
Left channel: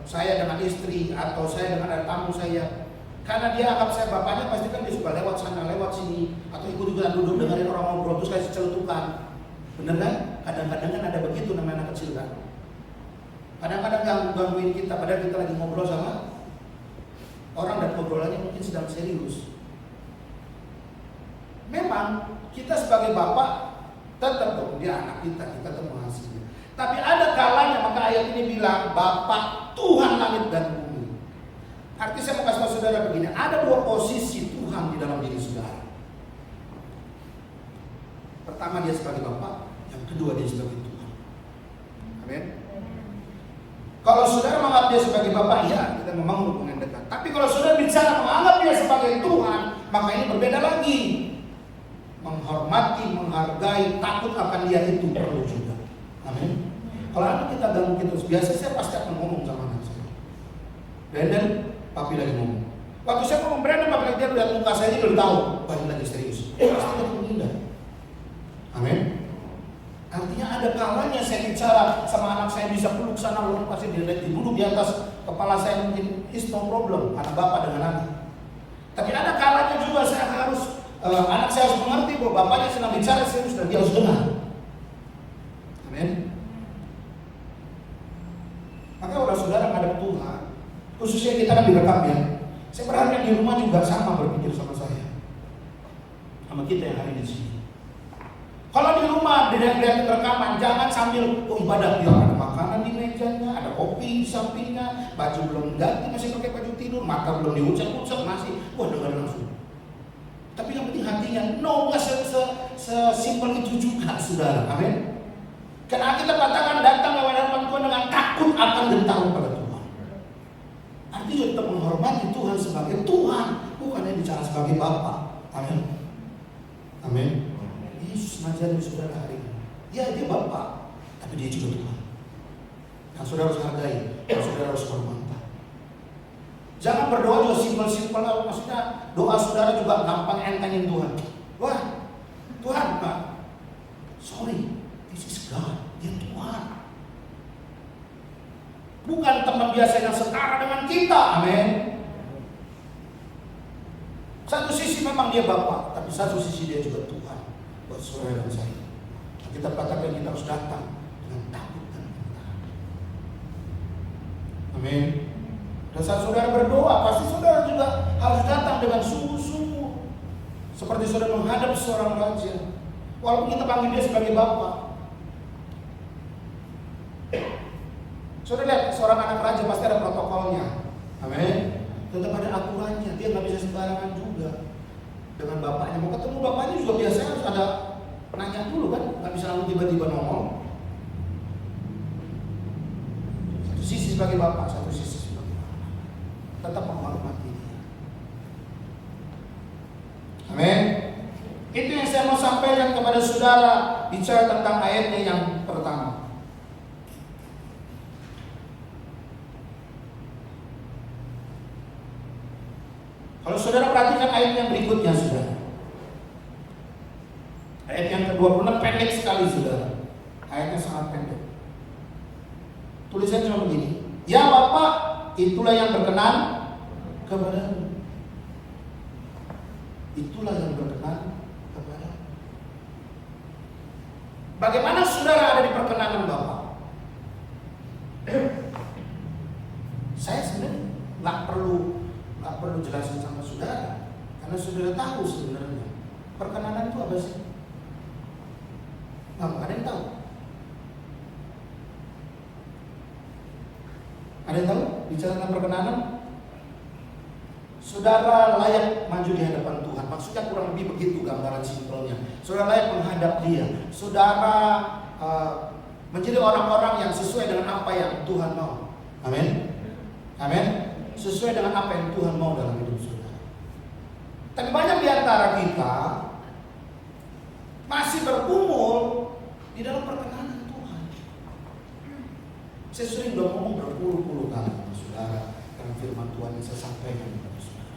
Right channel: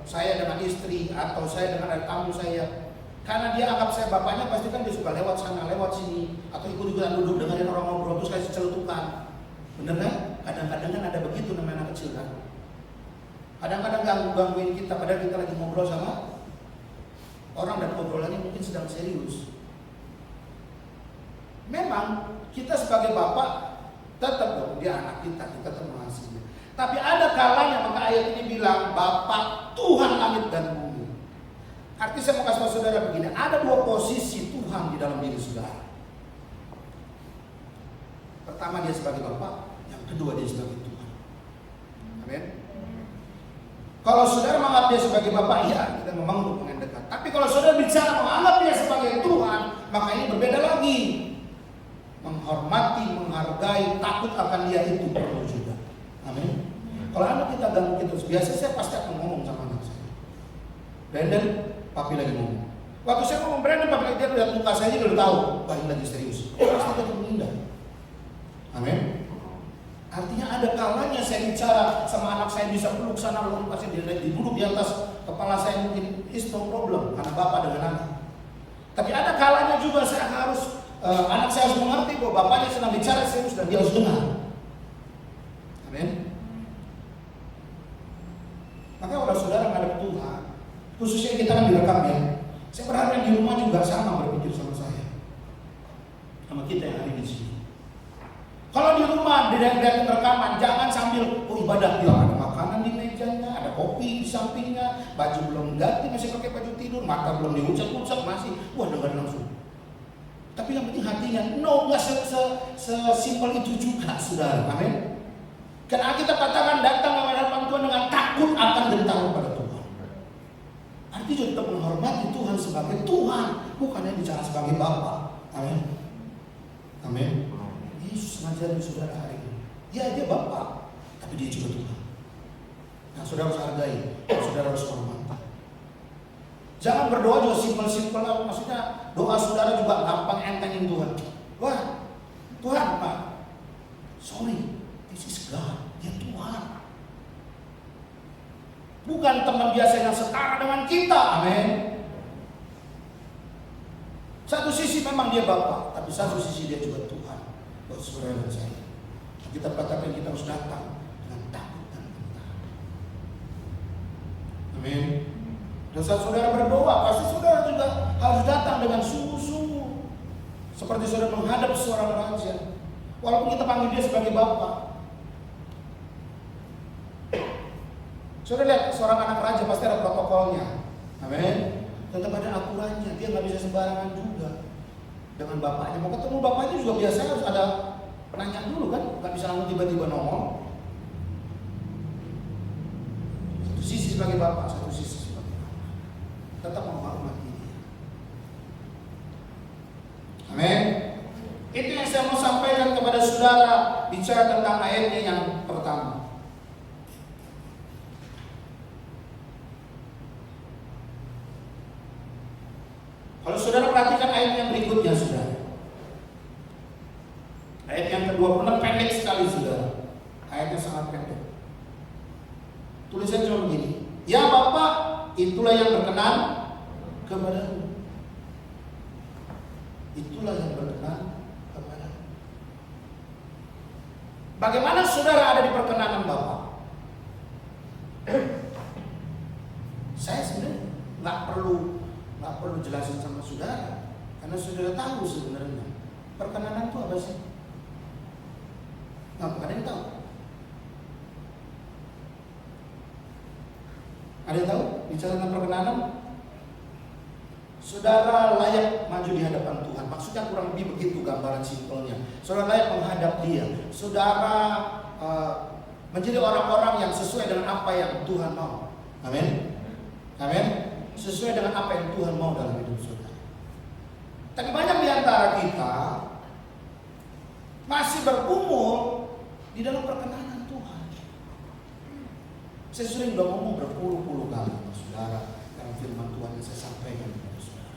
saya dengan istri atau saya dengan anak tamu saya, karena dia anggap saya bapaknya, pasti kan dia suka lewat sana lewat sini atau ikut juga duduk dengerin orang ngobrol terus kasih celutukan. Bener kan? Kadang-kadang kan ada begitu namanya anak kecil kan. Kadang-kadang gangguin kita padahal kita lagi ngobrol sama orang dan ngobrolannya mungkin sedang serius. Memang kita sebagai bapak tetap dong dia anak kita tetap mengasihi. Tapi ada kalanya maka ayat ini bilang Bapa Tuhan langit dan bumi. Artinya saya mau kasih tahu saudara begini, ada dua posisi Tuhan di dalam diri saudara. Pertama dia sebagai Bapa, yang kedua dia sebagai Tuhan. Amin. Kalau saudara menganggap dia sebagai Bapa, ya kita memang hubungan dekat. Tapi kalau saudara bicara menganggap dia sebagai Tuhan, maka ini berbeda lagi. Menghormati, menghargai, takut akan dia itu perlu juga. Amin. Kalau anak kita ganggu gitu, biasa saya pasti akan ngomong sama anak saya. Brandon, papi lagi ngomong. Waktu saya ngomong Brandon, papi lagi dia lihat muka saya ini udah tahu, papi lagi serius. Pasti lagi menghindar. Amin. Artinya ada kalanya saya bicara sama anak saya bisa peluk sana lalu pasti dia duduk di atas kepala saya mungkin is no problem anak bapak dengan anak. Tapi ada kalanya juga saya harus anak saya harus mengerti bahwa bapaknya sedang bicara serius dan dia harus dengar. Amin. Maka orang saudara menghadap Tuhan, khususnya kita kan direkam ya. Saya berharap yang di rumah juga sama berpikir sama saya, sama kita yang hari di sini. Kalau di rumah dilihat rekaman, jangan sambil ibadah dia ada makanan di mejanya, ada kopi di sampingnya, baju belum ganti masih pakai baju tidur, mata belum diucap-ucap masih, dengar langsung. Tapi yang penting hatinya, nggak sesimpel itu juga, saudara. Amin. Karena kita katakan datang ke hadapan Tuhan dengan takut akan bertahu pada Tuhan. Artinya kita menghormati Tuhan sebagai Tuhan, bukan yang bicara sebagai Bapa. Amin. Amin. Yesus mengajarin saudara hari ini. Ya dia Bapa, tapi dia juga Tuhan. Yang saudara harus hargai, yang saudara harus hormati. Jangan berdoa juga simpel-simpel, maksudnya doa saudara juga gampang entengin Tuhan. Wah, Tuhan Pak, sorry, this is God, dia Tuhan. Bukan teman biasa yang setara dengan kita, amin. Satu sisi memang dia Bapa, tapi satu sisi dia juga Tuhan buat saudara dan saya. Kita katakan kita harus datang dengan takut dan gentar. Amin. Dan saat saudara berdoa, pasti saudara juga harus datang dengan sungguh-sungguh, seperti saudara menghadap seorang raja. Walaupun kita panggil dia sebagai Bapa. Saudara lihat, seorang anak raja pasti ada protokolnya. Amin. Tetap ada aturannya, dia nggak bisa sembarangan juga dengan bapaknya. Mau ketemu bapaknya juga biasanya harus ada nanya dulu kan, nggak bisa langsung tiba-tiba nongol. Satu sisi sebagai bapak, satu sisi sebagai anak. Tetap menghormati dia. Amin. Itu yang saya mau sampaikan kepada saudara bicara tentang ayatnya yang pertama. Kalau saudara perhatikan ayat yang berikutnya, saudara. Ayat yang ke-26 pendek sekali, saudara. Ayatnya sangat pendek. Tulisannya cuma begini. Ya Bapak, itulah yang berkenan kepadamu. Itulah yang berkenan kepadamu. Bagaimana saudara ada di perkenanan Bapak? Saya sebenarnya nggak perlu jelasin sama saudara, karena saudara tahu sebenarnya perkenanan itu apa sih? Nggak ada yang tahu. Ada yang tahu bicara tentang perkenanan? Saudara layak maju di hadapan Tuhan. Maksudnya kurang lebih begitu gambaran simpelnya. Saudara layak menghadap Dia. Saudara menjadi orang-orang yang sesuai dengan apa yang Tuhan mau. Amin. Amin. Sesuai dengan apa yang Tuhan mau dalam hidup saudara. Tapi banyak di antara kita masih bergumul di dalam perkenanan Tuhan. Saya sering udah ngomong berpuluh-puluh kali sama saudara dalam firman Tuhan yang saya sampaikan kepada saudara.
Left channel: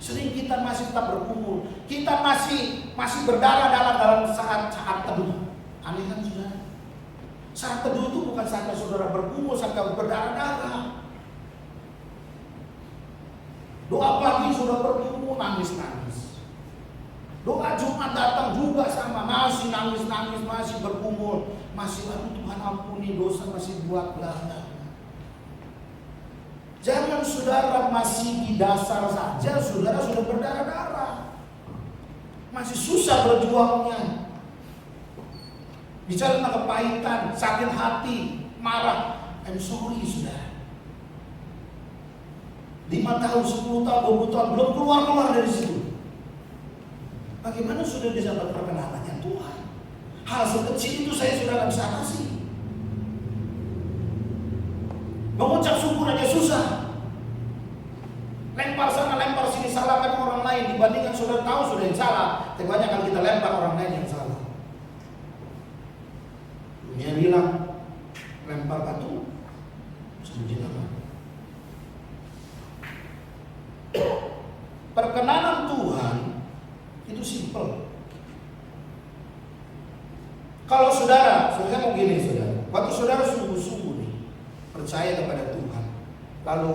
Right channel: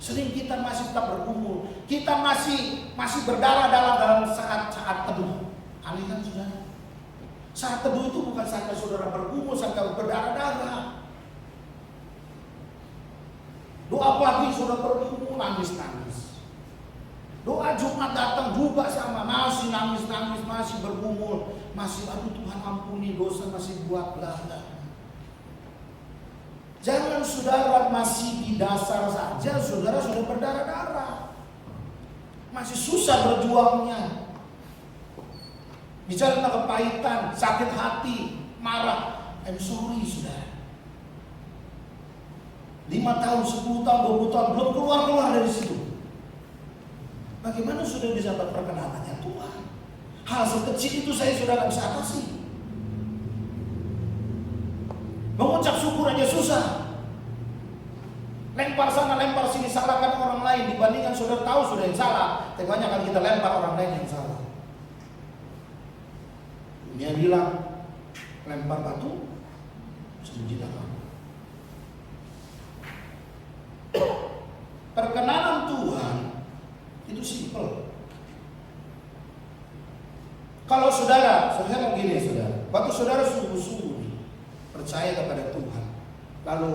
Sering kita masih tetap bergumul, kita masih berdarah-darah dalam saat teduh. Aneh kan saudara? Saat teduh itu bukan saat saudara bergumul, saat berdarah-darah. Doa pagi sudah bergumul, nangis-nangis. Doa Jumat datang juga sama, masih nangis-nangis, masih bergumul, masih aduh Tuhan ampuni dosa masih buat belakang. Jangan saudara masih di dasar saja, saudara sudah berdarah-darah, masih susah berjuangnya. Bicara tentang kepahitan, sakit hati, marah, I'm sorry saudara. 5 tahun, 10 tahun, 20 tahun belum keluar dari situ. Bagaimana sudah bisa dapat perkenanannya Tuhan? Hal sekecil itu saya sudah tidak bisa kasih. Mengucap syukur aja susah. Lempar sana, lempar sini, salahkan orang lain dibandingkan saudara tahu sudah yang salah. Banyak kali kita lempar orang lain yang salah. Dunia bilang lempar batu sebiji apa? Perkenanan Tuhan itu simple. Kalau saudara begini saudara, waktu saudara sungguh-sungguh nih percaya kepada Tuhan, lalu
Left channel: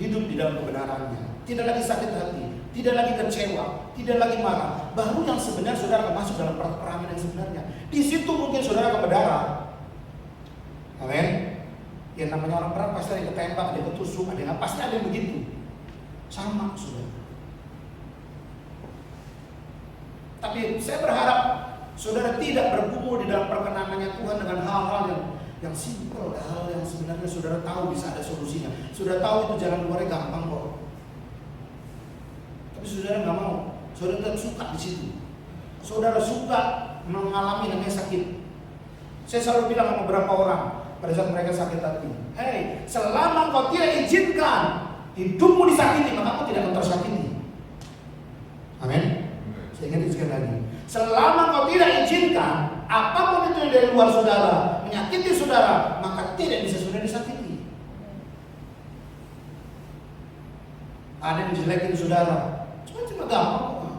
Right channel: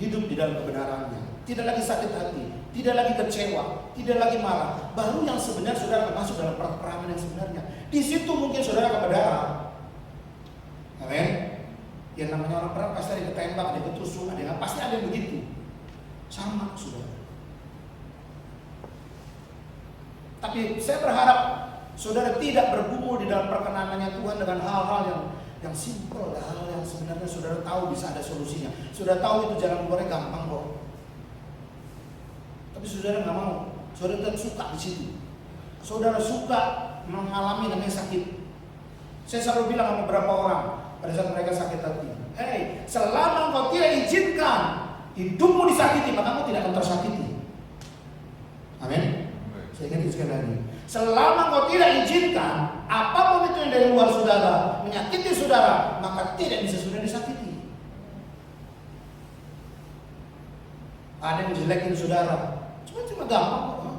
hidup di dalam kebenarannya, tidak lagi sakit hati, tidak lagi kecewa, tidak lagi marah, baru yang sebenarnya saudara masuk dalam peperangan yang sebenarnya. Di situ mungkin saudara akan berdarah. Amin. Yang namanya orang perang pasti ada yang ketembak, ada yang ketusuk, ada yang pasti ada yang begitu. Sama saudara. Tapi saya berharap saudara tidak bergumul di dalam perkenanannya Tuhan dengan hal-hal yang simpel, hal yang sebenarnya saudara tahu bisa ada solusinya. Saudara tahu itu jalan keluarnya gampang kok. Tapi saudara nggak mau. Saudara tidak suka di situ. Saudara suka mengalami namanya sakit. Saya selalu bilang sama beberapa orang pada saat mereka sakit hati, hey, selama kau tidak izinkan hidupmu disakiti, maka kamu tidak akan tersakiti. Amin. Saya ingat sekali lagi. Selama kau tidak izinkan apapun itu yang dari luar saudara menyakiti saudara, maka tidak bisa saudara disakiti. Ada yang jelekin saudara, cuma gampang kok.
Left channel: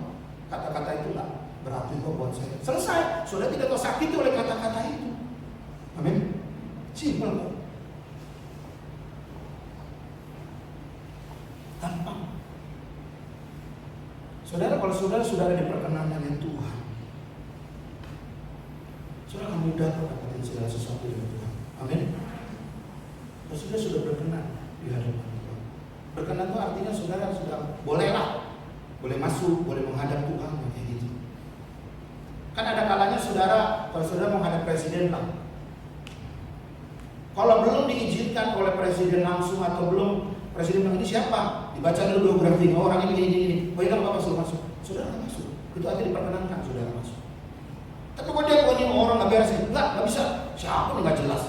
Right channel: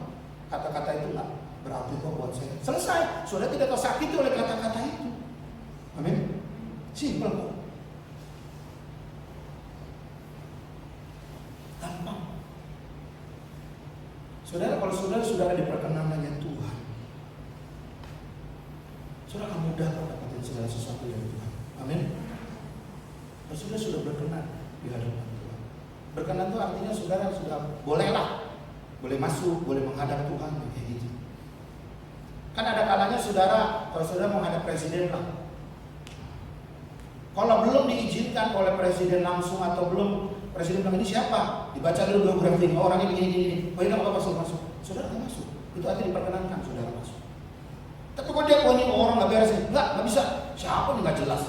Kata-kata itu lah berarti kok buat saya. Selesai, saudara tidak tersakiti oleh kata-kata itu. Amin. Simpel kok. Gampang. Saudara, kalau saudara di perkenanannya Tuhan, saudara akan mudah mendapatkan segala sesuatu dari Tuhan. Amin. Kalau saudara sudah berkenan di hadapan Tuhan. Berkenan itu artinya saudara sudah bolehlah, boleh masuk, boleh menghadap Tuhan kayak gitu. Kan ada kalanya saudara, kalau saudara menghadap presiden lah, kalau belum diizinkan oleh presiden langsung atau belum presiden bilang ini siapa? Dibaca dulu biografi, orangnya begini. Boleh nggak apa-apa masuk? Saudara nggak masuk. Itu aja diperkenankan saudara masuk. Tapi kalau dia punya orang nggak beres, nggak bisa. Siapa nih nggak jelas?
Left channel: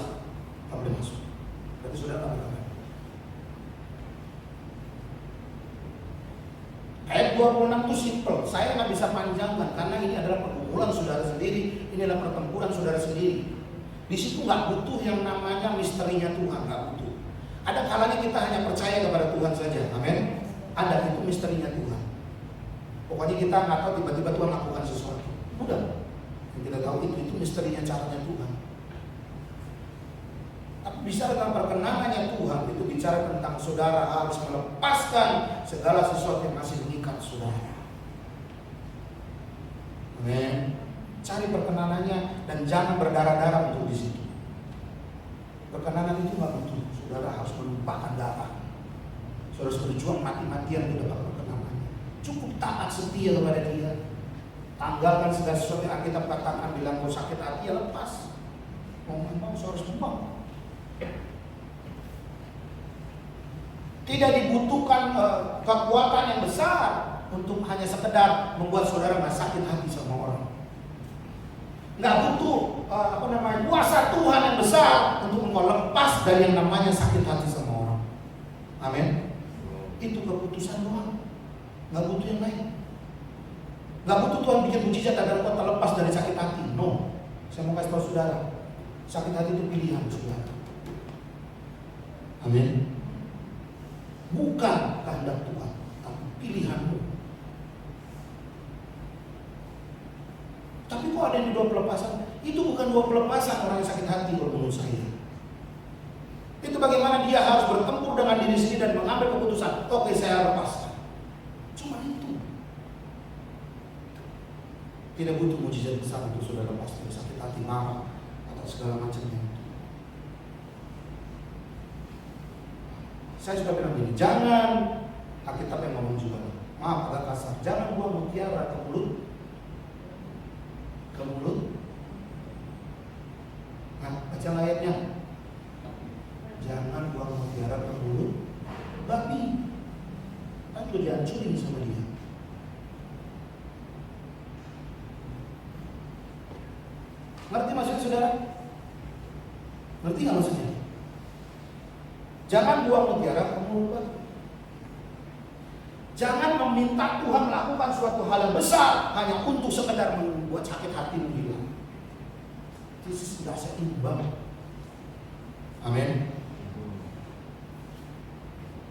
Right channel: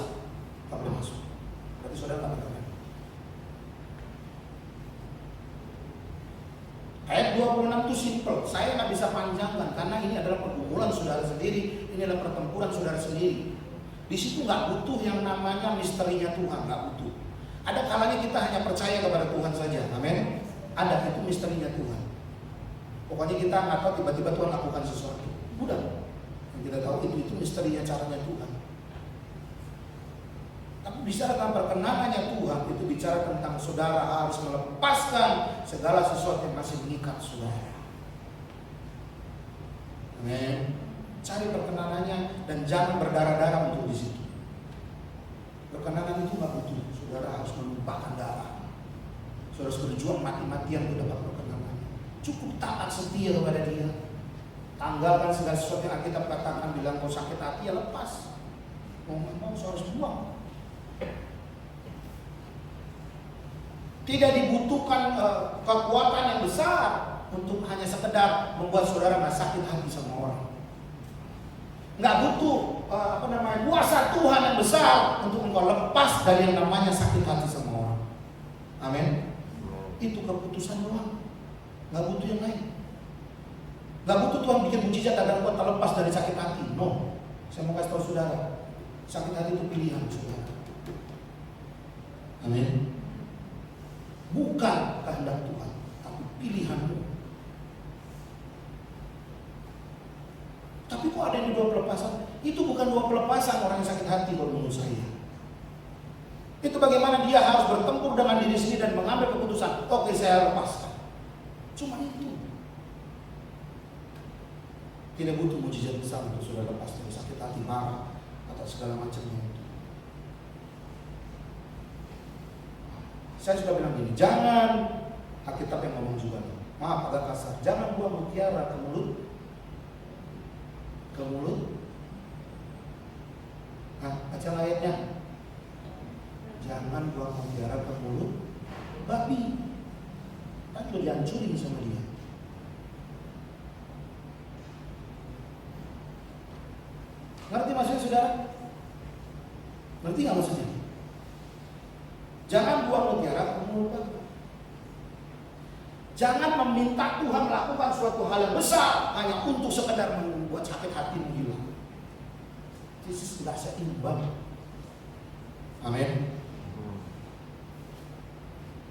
Nggak boleh masuk. Berarti saudara nggak boleh. Ayat 26 itu simple. Saya nggak bisa panjangkan karena ini adalah pergumulan saudara sendiri, ini adalah pertempuran saudara sendiri. Di situ nggak butuh yang namanya misterinya Tuhan, nggak butuh. Ada kalanya kita hanya percaya kepada Tuhan saja, amin. Ada itu misterinya Tuhan. Pokoknya kita nggak tahu tiba-tiba Tuhan lakukan sesuatu. Udah, yang kita tahu itu misterinya caranya Tuhan. Tapi bicara tentang perkenanannya Tuhan itu bicara tentang saudara harus melepaskan segala sesuatu yang masih mengikat saudara. Amin. Cari perkenanannya dan jangan berdarah-darah untuk di situ. Perkenanan itu nggak butuh. Saudara harus menumpahkan darah. Saudara harus berjuang mati-matian untuk dapat perkenanannya. Cukup taat setia kepada Dia. Tanggalkan segala sesuatu yang Alkitab katakan, bilang kau sakit hati ya lepas. Mau harus buang. Tidak dibutuhkan kekuatan yang besar untuk hanya sekedar membuat saudara nggak sakit hati sama orang. Nggak butuh kuasa Tuhan yang besar untuk engkau lepas dari yang namanya sakit hati sama orang. Amin. Itu keputusan doang. Nggak butuh yang lain. Nggak butuh Tuhan bikin mujizat agar engkau terlepas dari sakit hati. No. Saya mau kasih tahu saudara, sakit hati itu pilihan saudara. Amin. Bukan kehendak Tuhan, tapi pilihanmu. Tapi kok ada yang dua pelepasan? Itu bukan dua pelepasan orang yang sakit hati menurut saya. Itu bagaimana dia harus bertempur dengan diri sendiri dan mengambil keputusan. Oke, saya lepaskan. Cuma itu. Tidak butuh mujizat besar untuk saudara lepas dari sakit hati, marah atau segala macamnya. Saya sudah bilang gini, jangan Alkitab yang ngomong juga. Maaf agak kasar. Jangan buang mutiara ke mulut. Ke mulut. Nah, baca ayatnya. Jangan buang mutiara ke mulut babi. Kan juga dihancurin sama dia. Ngerti maksudnya saudara? Ngerti nggak maksudnya? Jangan buang mutiara ke mulut babi. Jangan meminta Tuhan melakukan suatu hal yang besar hanya untuk sekedar membuat sakit hatimu hilang. Yesus tidak seimbang. Amin.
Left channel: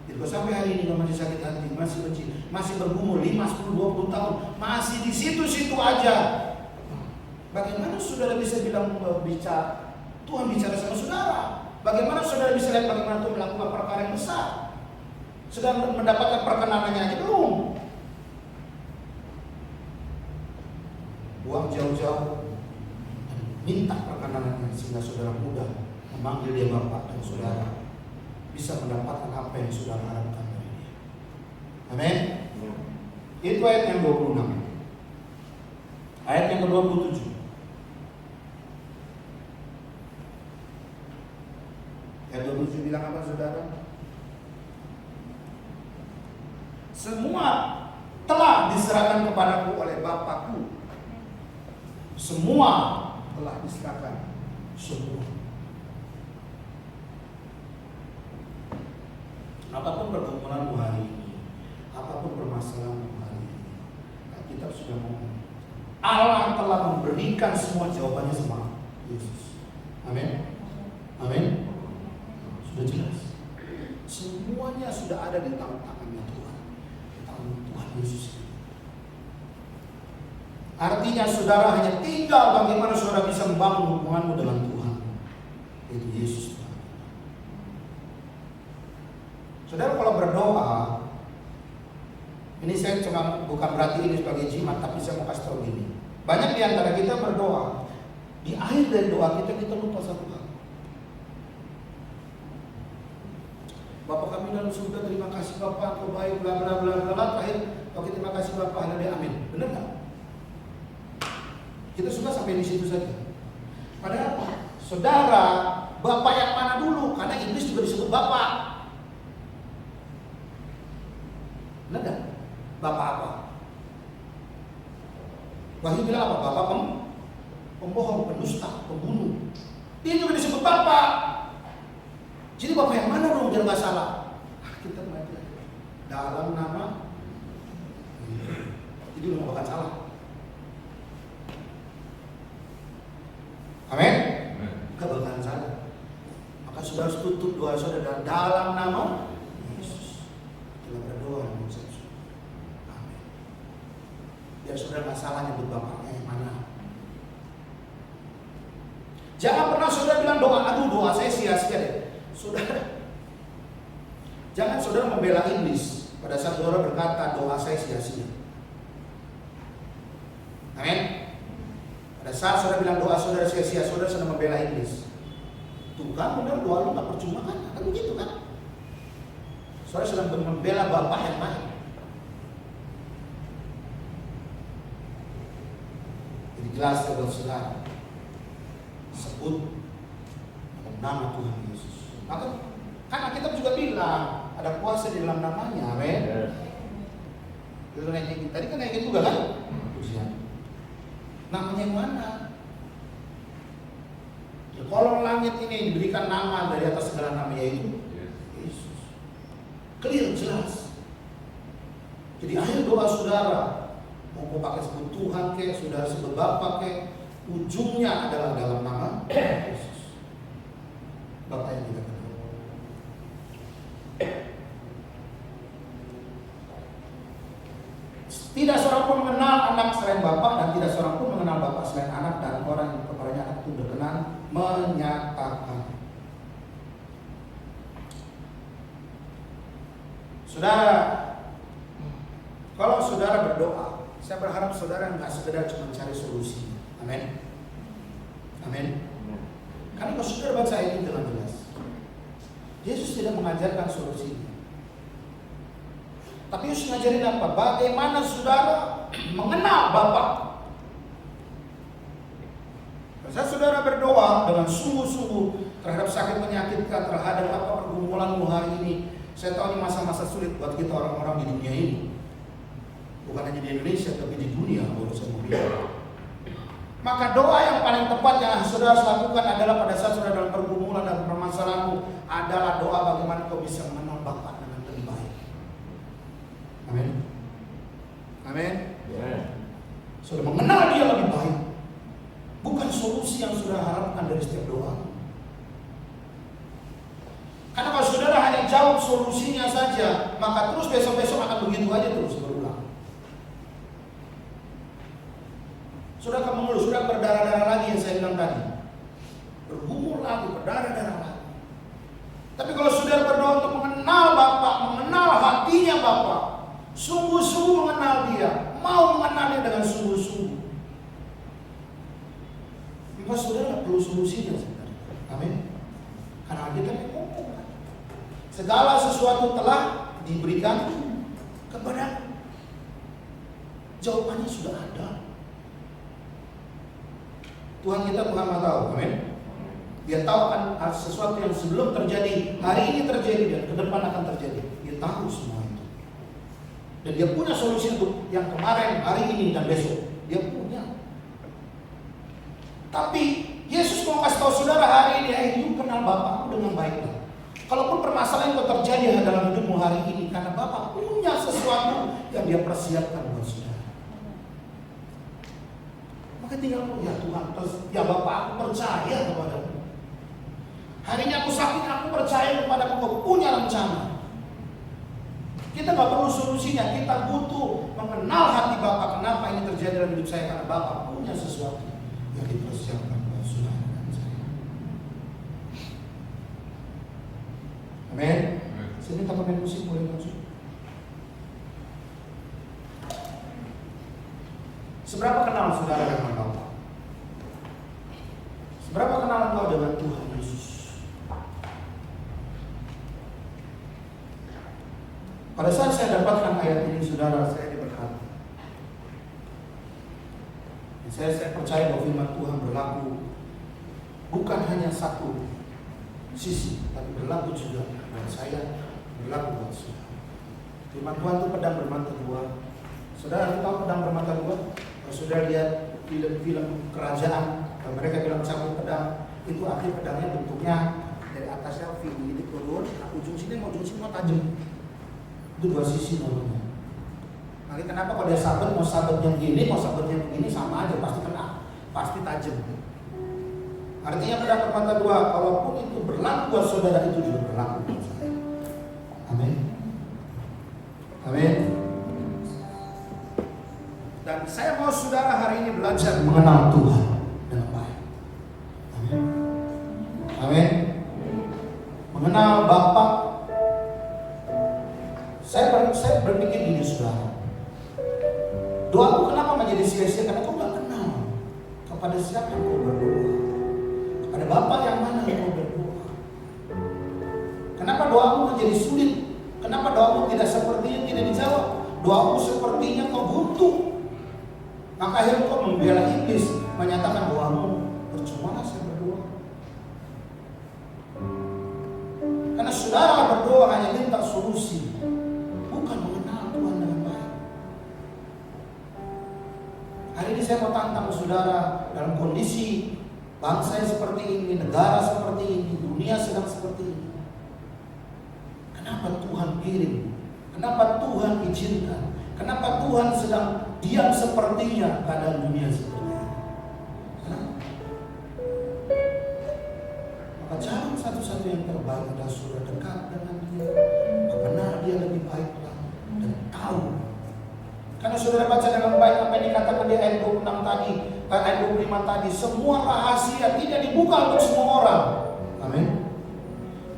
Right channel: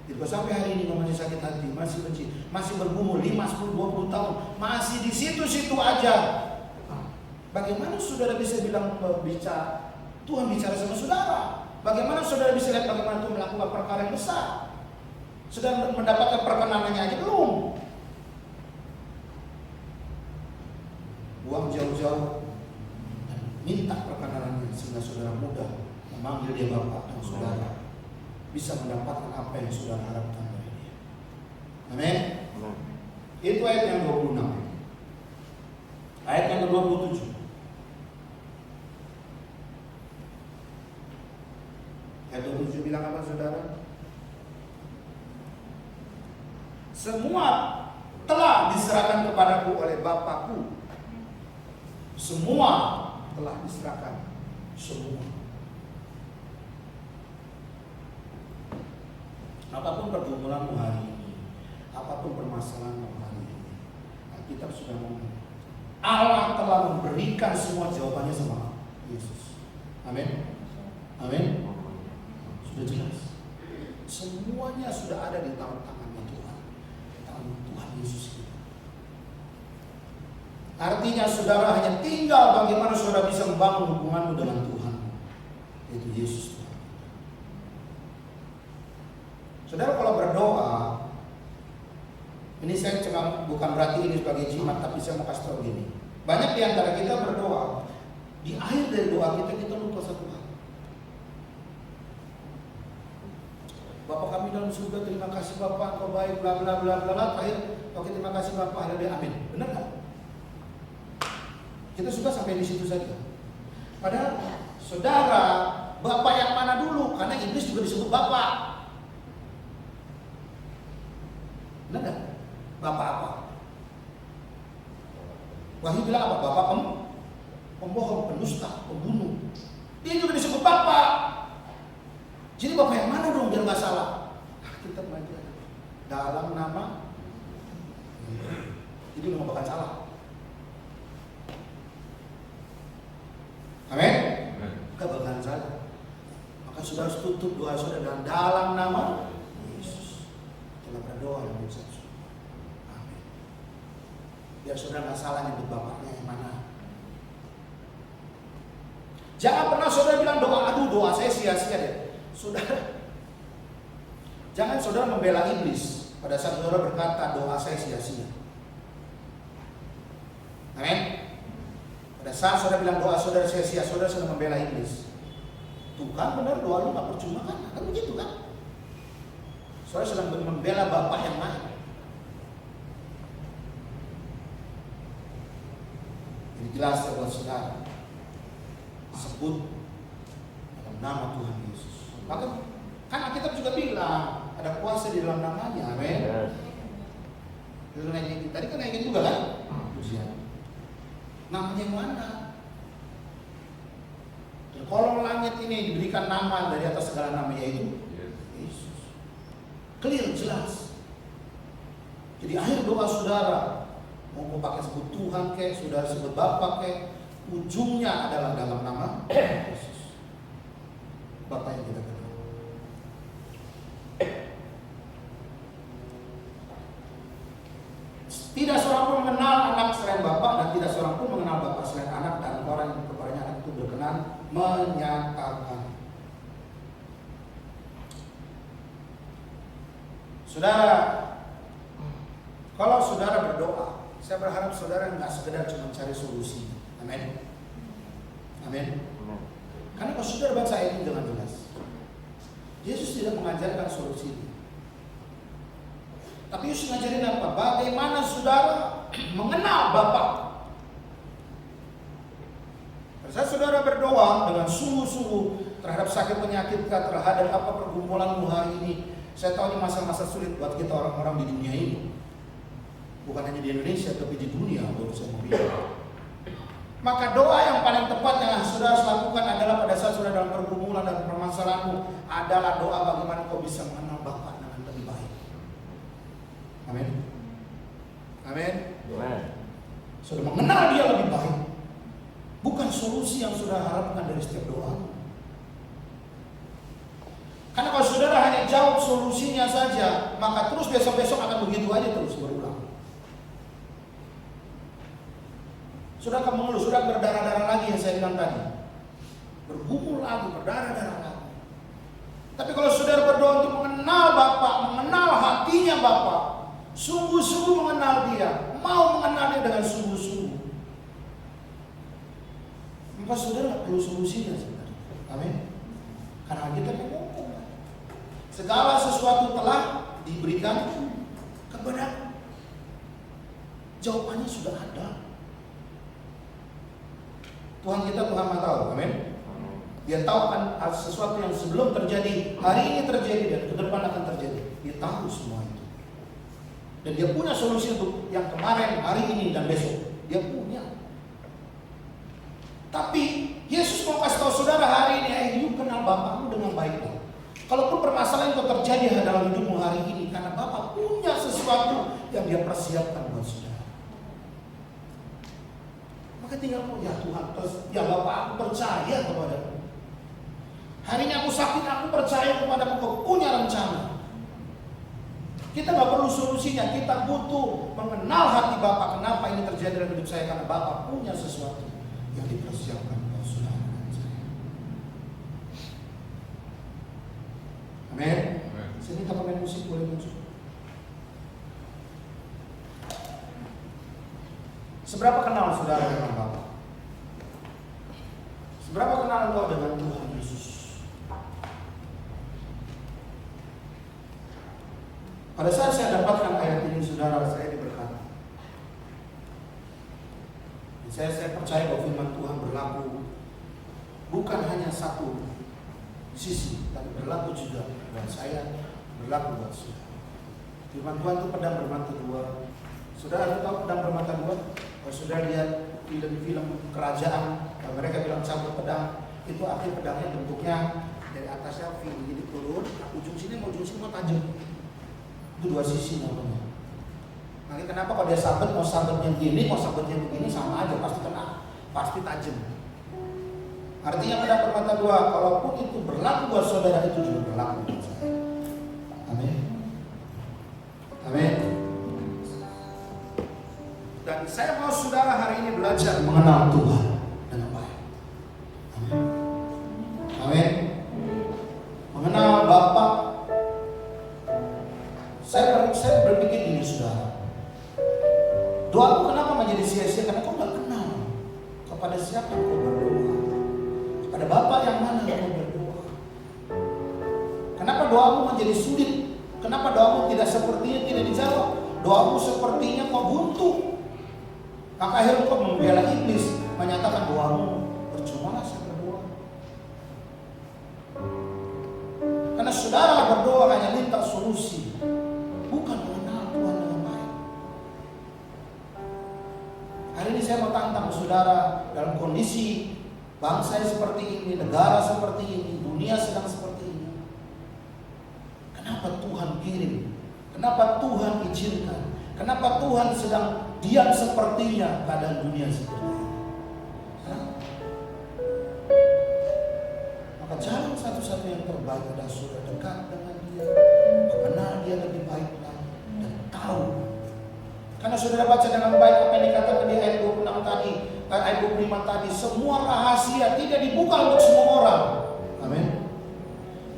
Jadi sampai hari ini masih sakit hati, masih benci, masih bergumul 5, 10, 20 tahun, masih di situ-situ aja. Bagaimana saudara bisa bilang Tuhan bicara sama saudara? Bagaimana saudara bisa lihat bagaimana Tuhan melakukan perkara yang besar? Sedang mendapatkan perkenanannya aja belum. Buang jauh-jauh dan minta perkenanannya sehingga saudara mudah memanggil dia Bapak dan saudara bisa mendapatkan apa yang saudara harapkan dari dia. Amin. Itu ayat yang 26. Ayat yang ke-27. Ayat 27 bilang apa saudara? Semua telah diserahkan kepadaku oleh Bapakku. Semua telah diserahkan. Semua. Apapun pergumulanmu hari ini, apapun permasalahanmu hari ini, kita sudah ngomong. Allah telah memberikan semua jawabannya sama Yesus. Amin. Amin. Sudah jelas. Semuanya sudah ada di tangan Tuhan. Tuhan Yesus. Artinya saudara hanya tinggal bagaimana saudara bisa membangun hubunganmu dengan Tuhan, yaitu Yesus Tuhan. Saudara kalau berdoa, ini saya cuma bukan berarti ini sebagai jimat, tapi saya mau kasih tahu gini. Banyak di antara kita berdoa, di akhir dari doa kita lupa satu hal. Bapak kami dalam surga, terima kasih Bapak, Kau baik, bla bla bla bla. Terakhir, oke terima kasih Bapak, haleluya, amin. Benar nggak? Kita suka sampai di situ saja. Padahal saudara, Bapak yang mana dulu? Karena iblis juga disebut Bapak. Benar nggak? Bapak apa? Wahyu bilang apa? Bapak pembohong, pendusta, pembunuh. Dia juga disebut Bapak. Jadi Bapak yang mana dong biar nggak salah? Kita belajar dalam nama. Itu nggak bakal salah. Amin. Nggak bakal salah. Maka saudara harus tutup doa saudara dalam nama Yesus. Dalam berdoa yang Yesus. Amin. Biar saudara nggak salah nyebut Bapaknya yang mana. Jangan pernah saudara bilang doa saya sia-sia deh. Saudara, jangan saudara membela iblis pada saat saudara berkata doa saya sia-sia. Amin. Pada saat saudara bilang doa saudara sia-sia, saudara sedang membela iblis. Tuh kan benar doa lu gak percuma kan? Kan begitu kan? Saudara sedang membela Bapak yang lain. Jadi jelas buat saudara, sebut nama Tuhan Yesus. Maka kan Alkitab juga bilang, ada kuasa di dalam namanya. Amin. Tadi kan naikin juga kan? Pujian. Namanya yang mana? Kalau langit ini diberikan nama dari atas segala nama, yaitu Yesus. Clear, jelas. Jadi akhir doa saudara, mau pakai sebut Tuhan kek, saudara sebut Bapa kek, ujungnya adalah dalam nama Yesus, Bapa yang kita kenal. Tidak seorang pun mengenal anak selain Bapa, dan tidak seorang pun mengenal Bapa selain anak, dan orang yang kepadanya anak itu berkenan menyatakan. Saudara, kalau saudara berdoa, saya berharap saudara nggak sekedar cuma cari solusi. Amin. Amin. Karena kalau saudara baca ini dengan jelas, Yesus tidak mengajarkan solusi. Tapi Yesus ngajarin apa? Bagaimana saudara mengenal Bapa. Pada saat saudara berdoa dengan sungguh-sungguh terhadap sakit menyakitkan, terhadap apa pergumulanmu hari ini. Saya tahu ini masa-masa sulit buat kita orang-orang di dunia ini. Bukan hanya di Indonesia, tapi di dunia, urusan dunia. Maka doa yang paling tepat yang saudara lakukan adalah pada saat saudara dalam pergumulan dan permasalahanmu adalah doa bagaimana kau bisa mengenal Bapa dengan lebih baik. Amin. Amin. Saudara mengenal Dia lebih baik. Bukan solusi yang saudara harapkan dari setiap doa. Karena kalau saudara hanya jawab solusinya saja, maka terus besok-besok akan begitu aja terus berulang. Sudah akan mengeluh, sudah berdarah-darah lagi yang saya bilang tadi. Bergumul lagi, berdarah-darah lagi. Tapi kalau saudara berdoa untuk mengenal Bapa, mengenal hatinya Bapa, sungguh-sungguh mengenal Dia, mau mengenalnya dengan sungguh-sungguh, maka saudara nggak perlu solusinya sebenarnya. Amin. Karena kita ngomong, segala sesuatu telah diberikan kepada. Jawabannya sudah ada. Tuhan kita Tuhan Maha tahu, amin. Dia tahu kan sesuatu yang sebelum terjadi, hari ini terjadi dan ke depan akan terjadi. Dia tahu semua itu. Dan dia punya solusi untuk yang kemarin, hari ini dan besok. Dia punya. Tapi Yesus mau kasih tahu saudara hari ini, hidup kenal Bapakmu dengan baik. Kalaupun permasalahan yang terjadi dalam hidupmu hari ini, karena Bapa punya sesuatu yang Dia persiapkan buat saudara. Maka tinggal ya Tuhan, terus ya Bapak, aku percaya kepadamu. Hari ini aku sakit, aku percaya kepadamu, kau punya rencana. Kita nggak perlu solusinya, kita butuh mengenal hati Bapak. Kenapa ini terjadi dalam hidup saya? Karena Bapak punya sesuatu yang dipersiapkan buat saudara dan saya. Amin. Sini kita main musik, boleh masuk. Seberapa kenal saudara dengan Bapa? Seberapa kenal engkau dengan Tuhan Yesus? Pada saat saya dapatkan ayat ini, saudara, saya diberkati. Saya percaya bahwa firman Tuhan berlaku bukan hanya satu sisi, tapi berlaku juga buat saya, berlaku buat saudara. Firman Tuhan itu pedang bermata dua. Saudara tahu pedang bermata dua? Kalau sudah lihat film-film kerajaan, mereka bilang cabut pedang, itu akhir pedangnya bentuknya dari atasnya V, jadi turun, nah ujung sini mau tajam. Itu dua sisi namanya. Nanti kenapa kalau dia sabet, mau sabetnya begini, mau sabetnya begini, sama aja, pasti kena, pasti tajam. Artinya pedang bermata dua, kalaupun itu berlaku buat saudara, itu juga berlaku buat saya. Amin. Amin. Dan saya mau saudara hari ini belajar mengenal Tuhan dengan baik. Amin. Amin. Mengenal Bapa. Saya berpikir gini saudara. Doaku kenapa menjadi sia-sia? Karena kau gak kenal kepada siapa kau berdoa. Kepada Bapa yang mana kau berdoa. Kenapa doamu menjadi sulit? Kenapa doamu tidak sepertinya tidak dijawab? Doamu sepertinya kau buntu. Maka akhirnya kau membela iblis, menyatakan doamu percuma saya berdoa. Karena saudara berdoa hanya minta solusi. Hari ini saya mau tantang saudara, dalam kondisi bangsa yang seperti ini, negara seperti ini, dunia sedang seperti ini. Kenapa Tuhan kirim? Kenapa Tuhan izinkan? Kenapa Tuhan sedang diam sepertinya keadaan dunia seperti ini? Kenapa? Maka jalan satu-satu yang terbaik adalah saudara dekat dengan dia, benar dia lebih baik lagi dan tahu. Karena saudara baca dengan baik apa yang dikatakan di ayat 26 tadi, ayat 25 tadi, semua rahasia tidak dibuka untuk semua orang. Amin.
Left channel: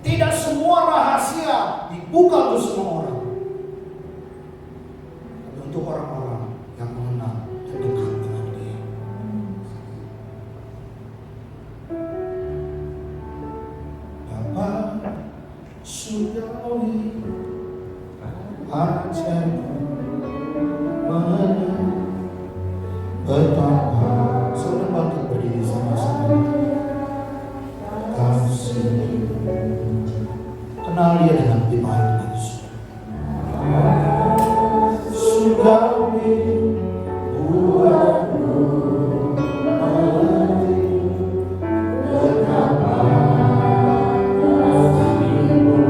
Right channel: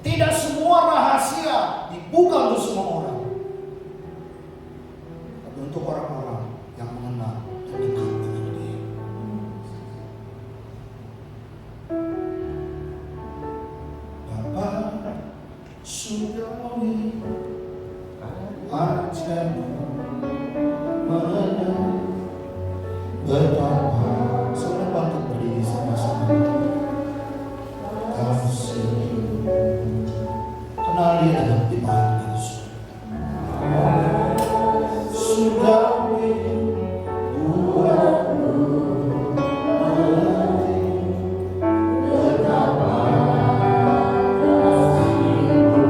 Tidak semua rahasia dibuka untuk semua orang. Tapi untuk orang-orang yang mengenal dan dekat dengan dia. Bapa surgawi wajahmu betapa senang banget berdiri sama-sama. Kasih kenal dia dengan iman Yesus. Surgawi buatmu mengerti betapa kasihmu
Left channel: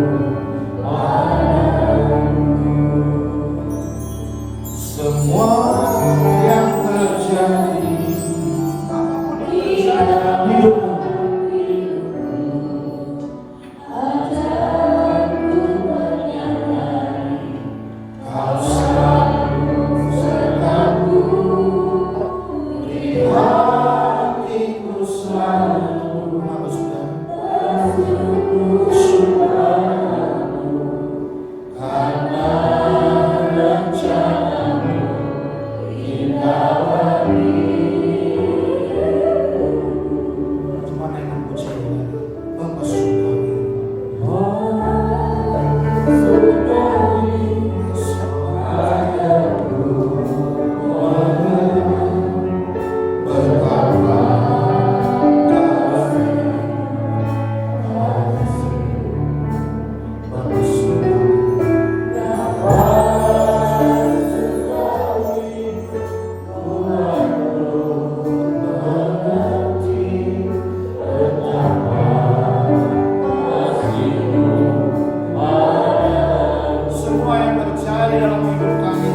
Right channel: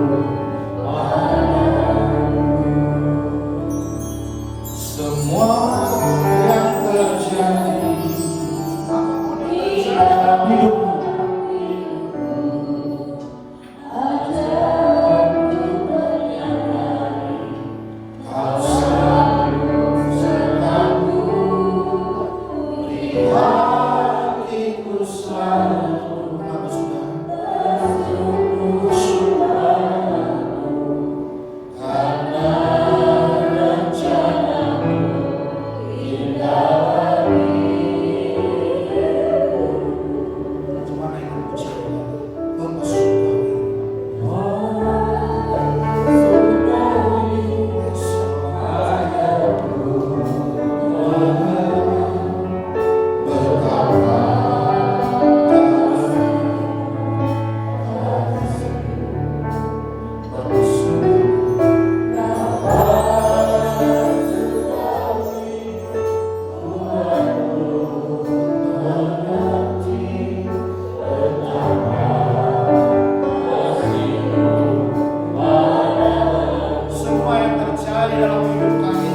padamu. Semua yang terjadi, apapun yang terjadi dalam hidupmu, kau selalu sertaku, beri hatiku selalu bersyukur karena rencanamu indah. Cuma yang memuji Bapa semua yang terjadi dalam hidup kami,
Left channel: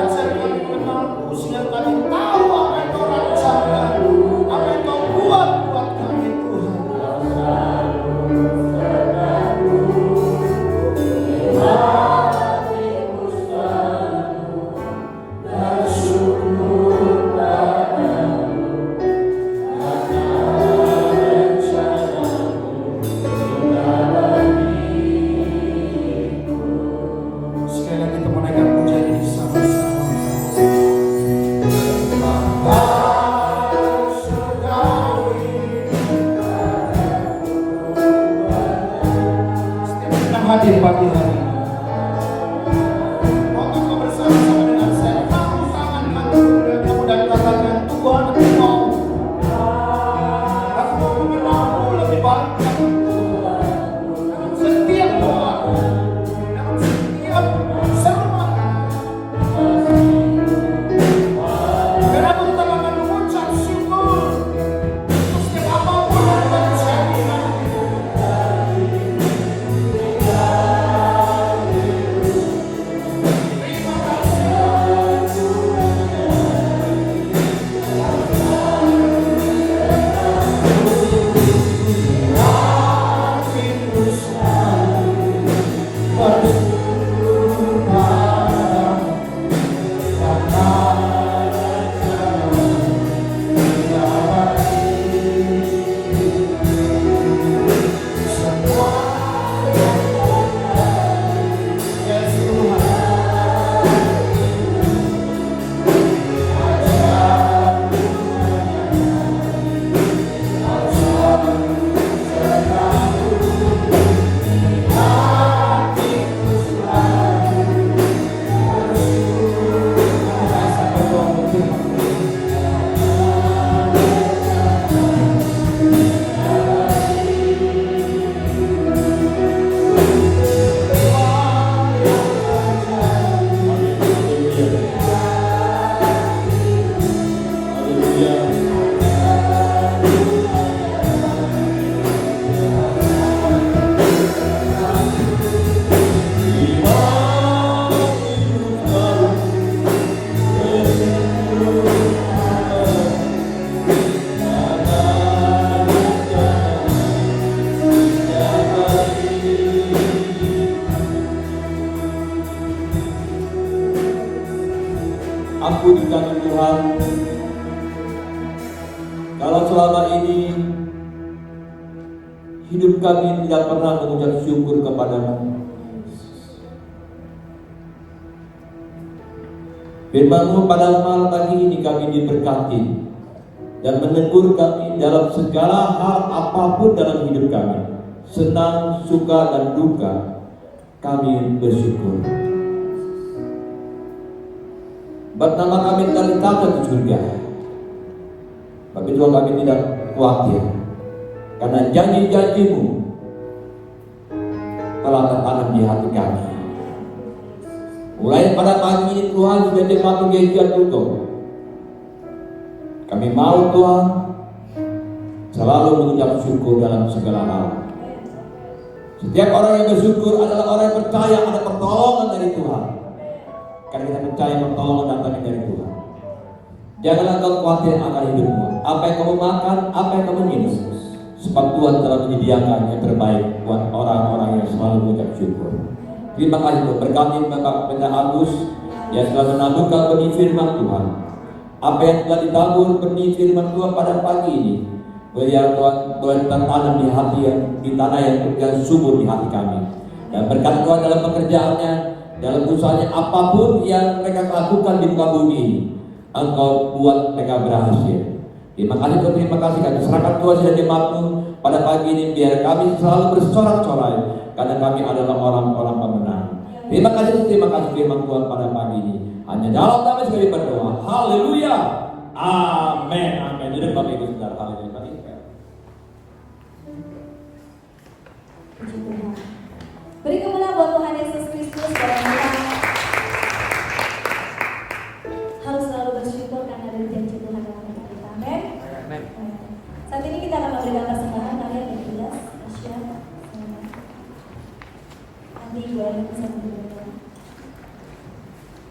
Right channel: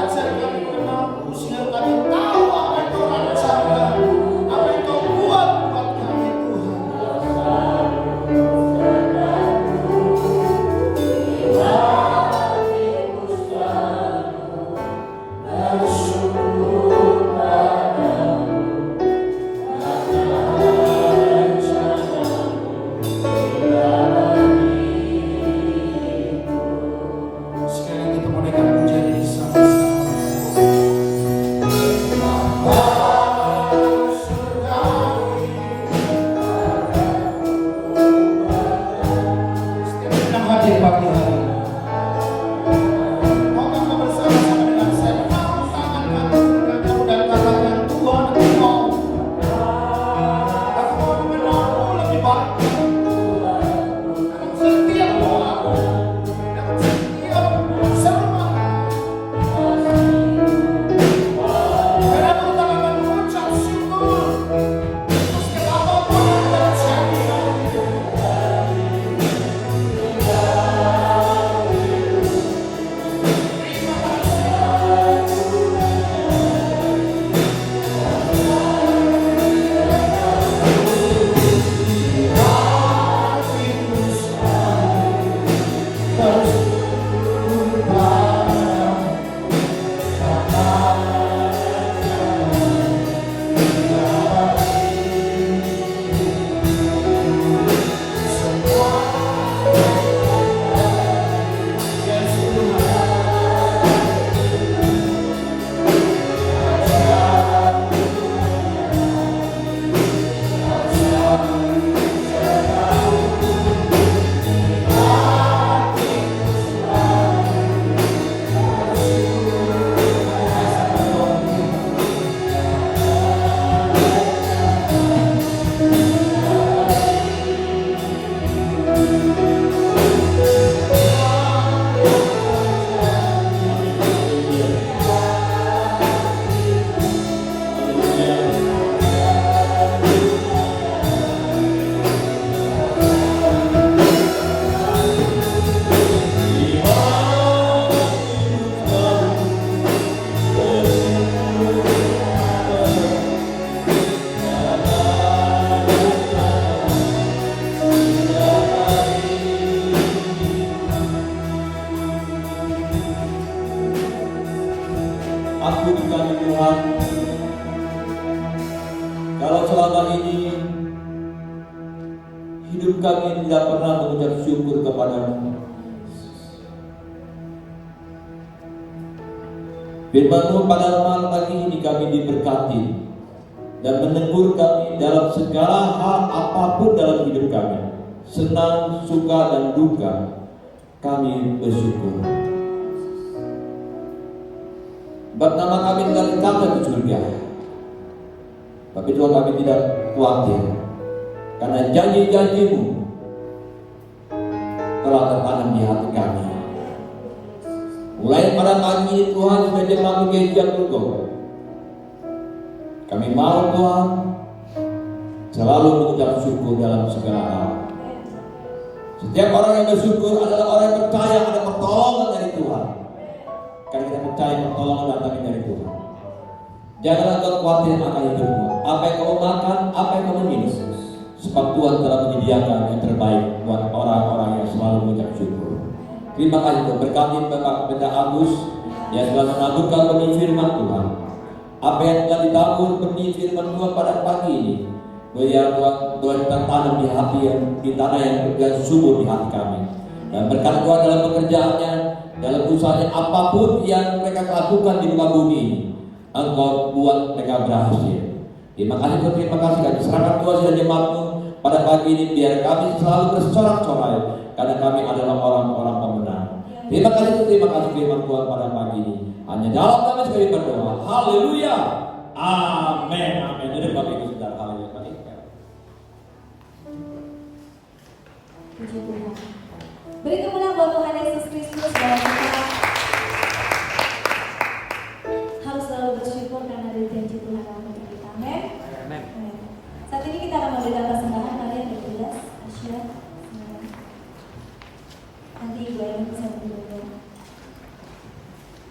ajar kami mengenalmu sehingga kami tahu apa yang kau rancangkan, apa yang kau buat kami Tuhan. Sekali lagi kita menaikkan pujian ini sama-sama. Setiap yang hadir pagi hari ini, maukah bersama-sama dengan saya angkat tangan kamu dan katakan, Tuhan engkau mengenalmu lebih baik. Dalam setiap doa, dalam setiap sermon, biar aku tak akan mengucap syukur setiap apapun yang terjadi. Tuhan, kalau selama ini hidup kami tidak pernah mengucap syukur kepada-Mu, firman-Mu pada malam pagi ini kami diberkati dan menegur kami dalam segala hal apapun dalam hidup kami, senang, suka, dan duka, kami bersyukur. Sebab nama kami telah dicatat di surga. Tapi Tuhan, kami tidak khawatir, karena janji-janji-Mu telah tertanam di hati kami. Mulai pada pagi ini Tuhan sudah mematuhi jadwal. Kami mau Tuhan selalu mengucap syukur dalam segala hal. Setiap orang yang bersyukur adalah orang yang percaya ada pertolongan dari Tuhan. Karena kita percaya pertolongan datang dari Tuhan. Janganlah kau khawatir akan hidupmu. Apa yang kamu makan, apa yang kamu minum, sebab Tuhan telah menyediakan yang terbaik buat orang-orang yang selalu mengucap syukur. Terima kasih Tuhan. Berkati Bapak Pendeta Agus yang telah menaburkan benih firman Tuhan. Apa yang telah ditabur benih firman Tuhan pada pagi ini, biar Tuhan tertanam di hati yang di tanah yang subur di hati kami. Dan berkat Tuhan dalam pekerjaannya, dalam usahanya, apapun yang mereka lakukan di muka bumi ini, Engkau buat mereka berhasil. Terima kasih Tuhan, terima kasih. Kami serahkan Tuhan dan jemaat-Mu pada pagi ini, biar kami selalu bersorak-sorai, karena kami adalah orang-orang pemenang. Terima kasih firman Tuhan pada pagi ini. Hanya dalam nama sekali berdoa. Haleluya. Amin. Amin. Jadi bagi itu sudah haleluya. Beri kemuliaan buat Tuhan Yesus Kristus, bahwa kita harus selalu bersyukur karena ada janji Tuhan dalam hidup kita. Amin. Saat ini kita akan memberikan persembahan kalian yang jelas, Tasya, nanti baru bersama kita.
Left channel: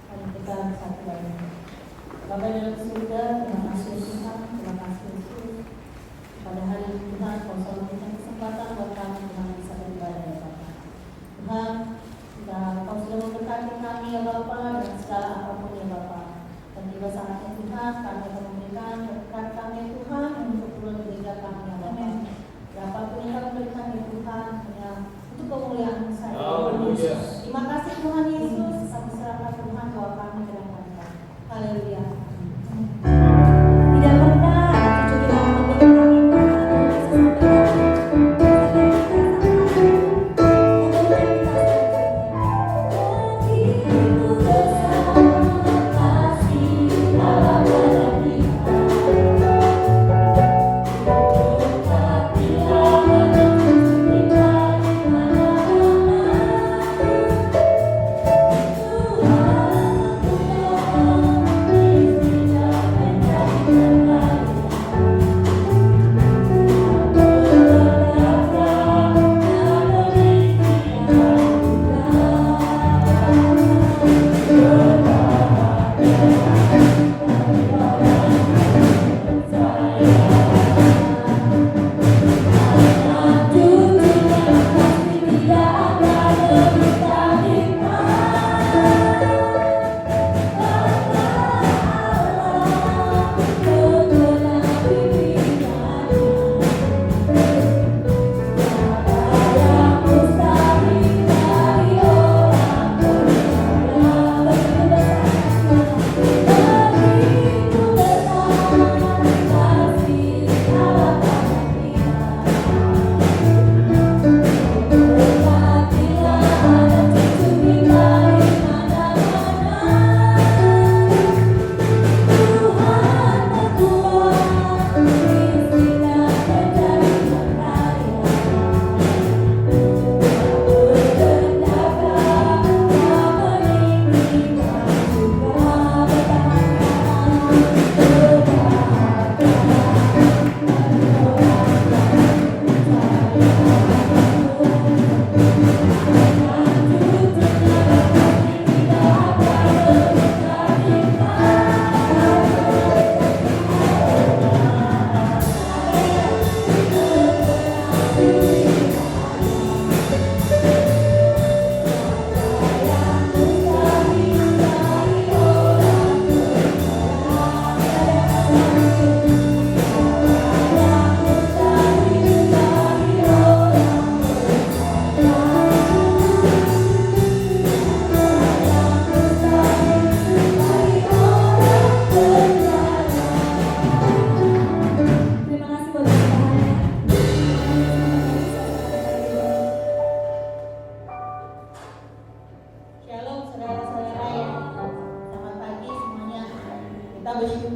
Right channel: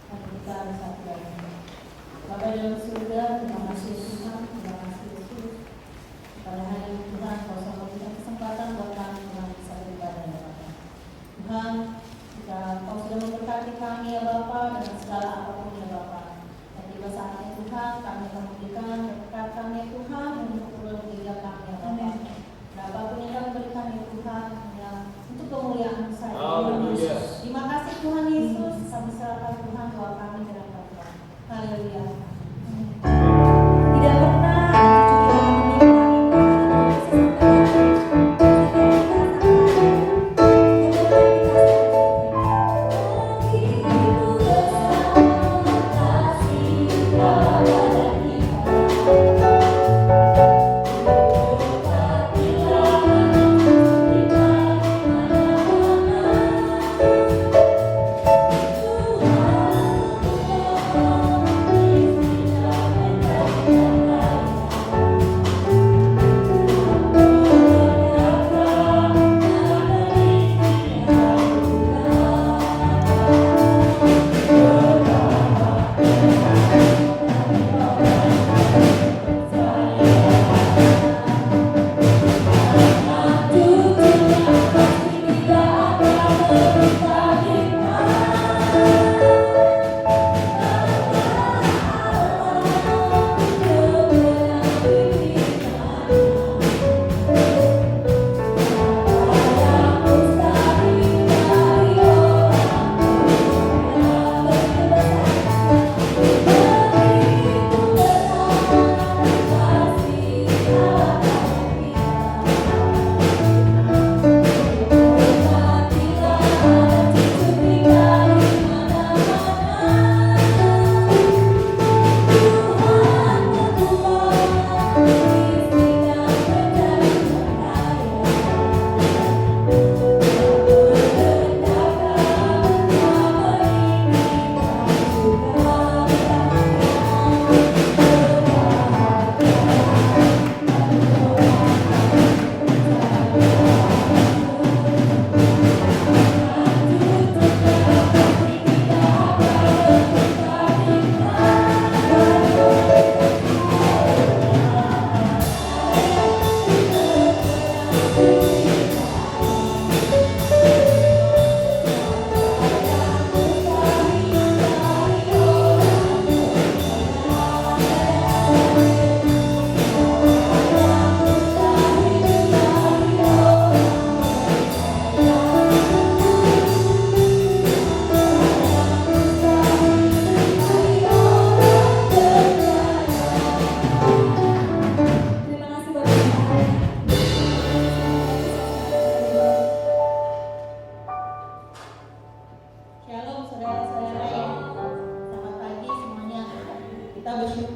Mari kita bersatu. Bapa yang surga, terima kasih Tuhan, terima kasih Yesus. Pada hari ini Tuhan, kau sudah memberikan kesempatan buat kami Tuhan bisa beribadah ya Bapa. Tuhan, kau sudah memberkati kami ya Bapa dan segala apapun ya Bapa. Dan juga saat ini Tuhan, kami akan memberikan berkat-Nya Tuhan untuk pulang gereja kami ya Bapa. Berapapun yang kami berikan ya Tuhan, hanya untuk kemuliaan saya. Terima kasih Tuhan Yesus. Sampai serahkan Tuhan bahwa kami berangkat. Haleluya.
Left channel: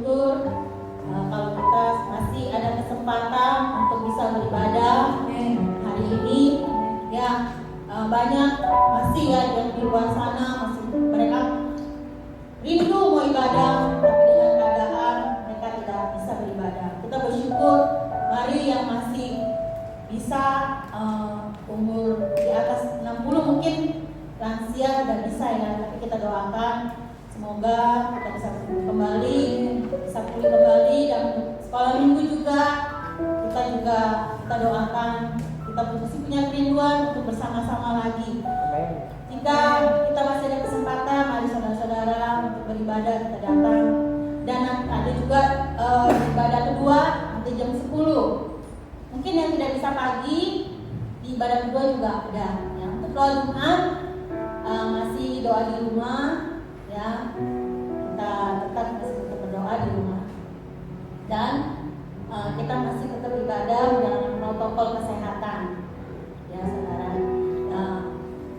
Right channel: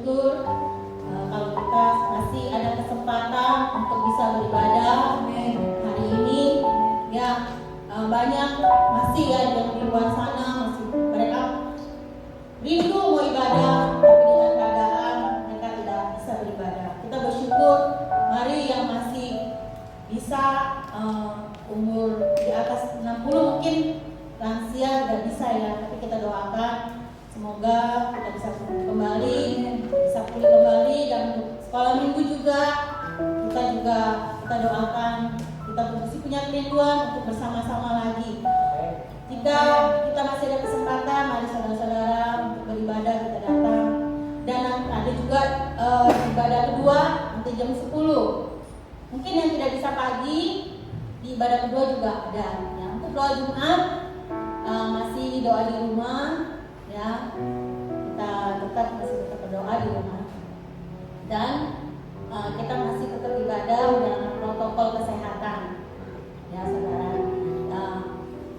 bersyukur kalau kita masih ada kesempatan untuk bisa beribadah hari ini. Ya, banyak masih ya yang di luar sana masih mereka rindu mau ibadah, tapi dengan keadaan mereka tidak bisa beribadah. Kita bersyukur, mari yang masih bisa umur di atas 60 mungkin lansia tidak bisa ya, tapi kita doakan semoga kita bisa kembali, bisa pulih kembali, dan untuk sekolah minggu juga kita doakan, kita masih punya kerinduan untuk bersama-sama lagi. Jika kita masih ada kesempatan, mari saudara-saudara untuk beribadah kita datang. Dan ada juga ibadah kedua nanti jam 10. Mungkin yang tidak bisa pagi, di ibadah kedua juga ada. Ya, untuk doa Jumat masih doa di rumah, ya kita tetap berdoa di rumah. Dan kita masih tetap ibadah menjalankan protokol kesehatan, ya saudara.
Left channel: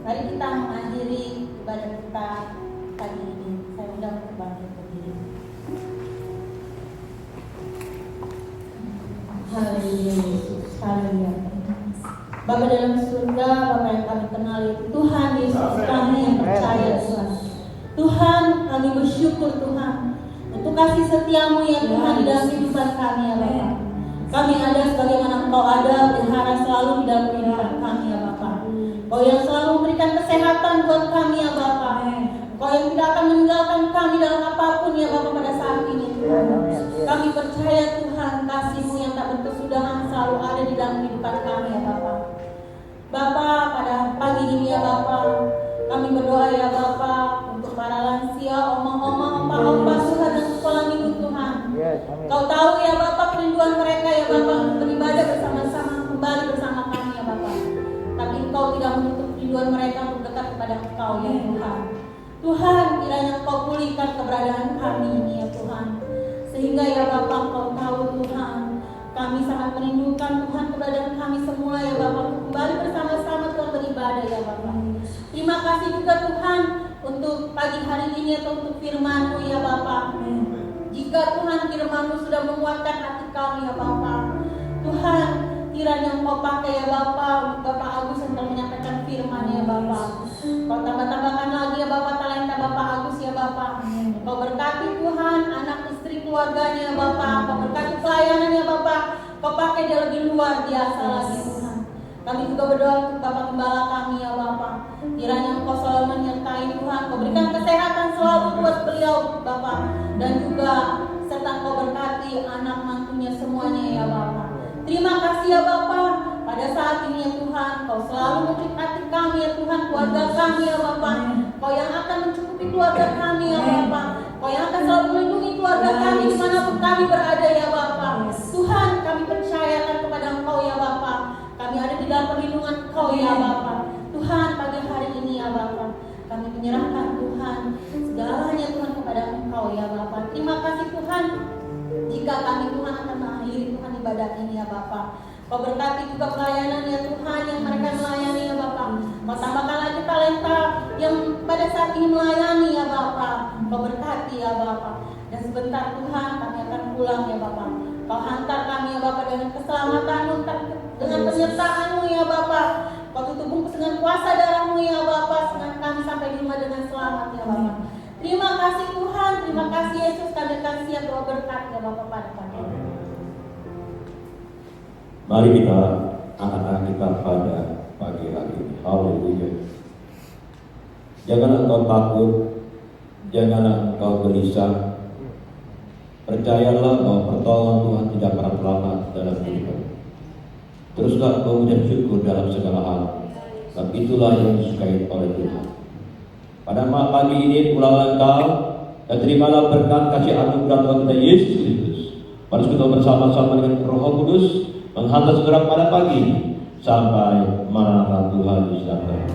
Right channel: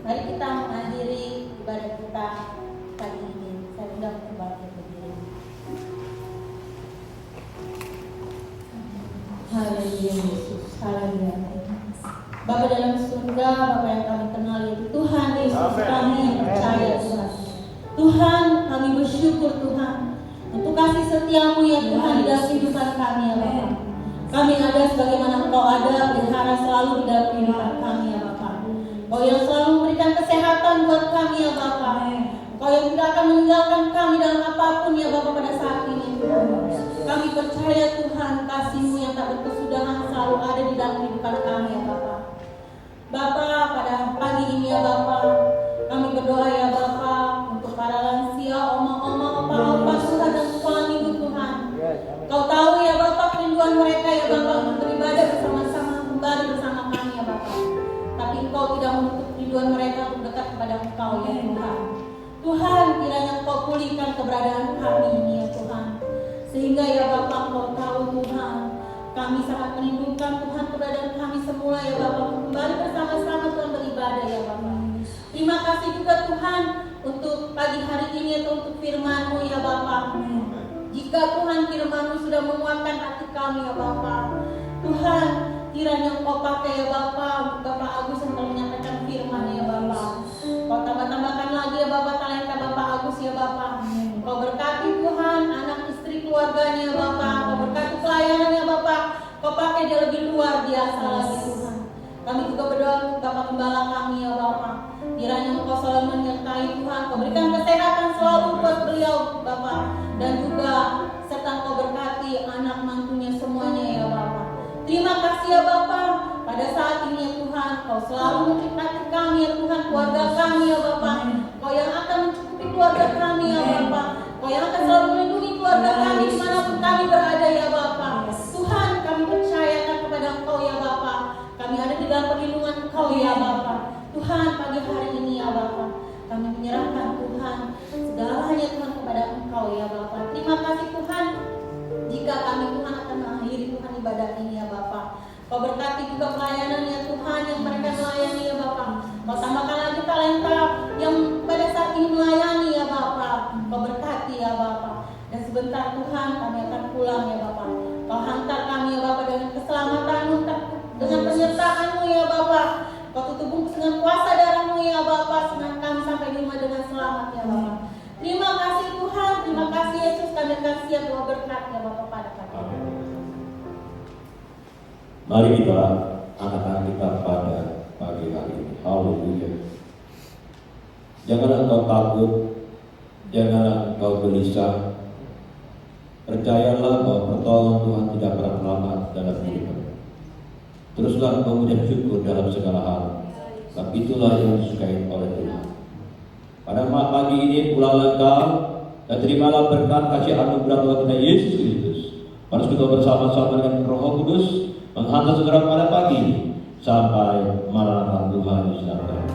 Mari kita mengakhiri ibadah kita pagi ini. Saya undang untuk bangkit berdiri. Haleluya, haleluya. Bapa dalam surga, Bapa yang kami kenal, ya Tuhan Yesus, kami yang percaya Tuhan. Tuhan, kami bersyukur Tuhan untuk kasih setiamu ya Tuhan di dalam kehidupan kami ya Bapa. Kami ada sebagaimana Engkau ada, berharap selalu di dalam kehidupan kami ya Bapa. Engkau yang selalu memberikan kesehatan buat kami ya Bapa. Engkau yang tidak akan meninggalkan kami dalam apapun ya Bapa pada saat ini Tuhan. Kami percaya Tuhan, kasih-Mu yang tak berkesudahan selalu ada di dalam kehidupan kami ya Bapa. Bapa, pada pagi ini ya Bapa, kami berdoa ya Bapa untuk para lansia, oma-oma, opa-opa Tuhan, dan sekolah minggu Tuhan. Kau tahu ya Bapa kerinduan mereka ya Bapa untuk beribadah bersama-sama kembali bersama kami ya Bapa. Tapi Engkau tidak menutup kerinduan mereka untuk dekat kepada Engkau ya Tuhan. Tuhan, kiranya Engkau pulihkan keberadaan kami ini ya Tuhan. Sehingga ya Bapa Engkau tahu Tuhan, kami sangat merindukan Tuhan keberadaan kami semua ya Bapa, kembali bersama-sama Tuhan beribadah ya Bapa. Terima kasih juga Tuhan untuk pagi hari ini atau untuk firman-Mu ya Bapa. Jika Tuhan firman-Mu sudah menguatkan hati kami ya Bapa, Tuhan kiranya Engkau pakai ya Bapa, Bapak Agus yang telah menyampaikan firman ya Bapa. Kau tambah-tambahkan lagi ya Bapa talenta Bapak Agus ya Bapa. Kau berkati Tuhan anak istri keluarganya ya Bapa. Kau berkati pelayanannya Bapa. Kau pakai dia lebih luar biasa lagi Tuhan. Kami juga berdoa untuk Bapak Gembala kami ya Bapa. Kiranya Engkau selalu menyertai Tuhan. Kau berikan kesehatan selalu buat beliau Bapak. Dan juga serta Kau berkati anak mantunya semuanya ya Bapa. Terima kasih ya Bapa. Pada saat ini ya Tuhan, Kau selalu mencukupi kami ya Tuhan, keluarga kami ya Bapa. Kau yang akan mencukupi keluarga kami ya Bapa. Kau yang akan selalu melindungi keluarga kami dimanapun kami berada ya Bapa. Tuhan, kami percayakan kepada Engkau ya Bapa. Kami ada di dalam perlindungan Engkau ya Bapa. Tuhan, pagi hari ini ya Bapa, kami menyerahkan Tuhan segalanya Tuhan kepada Engkau ya Bapa. Terima kasih Tuhan. Jika kami Tuhan akan mengakhiri Tuhan ibadah ini ya Bapa. Kau berkati juga pelayanan ya Tuhan yang mereka melayani ya Bapa. Kau tambahkan lagi talenta yang pada saat ini melayani ya Bapa. Kau berkati ya Bapa. Dan sebentar Tuhan kami akan pulang ya Bapa. Kau hantar kami ya Bapa dengan keselamatan-Mu, dengan penyertaan-Mu ya Bapa. Kau tutup bungkus dengan kuasa darah-Mu ya Bapa, sehingga kami sampai di rumah dengan selamat ya Bapa. Terima kasih Tuhan, terima kasih Yesus, kami kasih yang doa berkat ya Bapa pada pagi ini. Mari kita angkat kita pada pagi hari ini. Haleluya. Janganlah engkau takut, janganlah engkau gelisah. Percayalah bahwa pertolongan Tuhan tidak pernah lambat dalam hidup. Teruslah engkau mengucap syukur dalam segala hal. Sebab itulah yang disukai oleh Tuhan. Pada pagi ini pulanglah engkau dan terimalah berkat kasih anugerah Tuhan kita Yesus Kristus. Mari kita bersama-sama dengan Roh Kudus menghantar segera pada pagi ini sampai Maranatha Tuhan Yesus datang.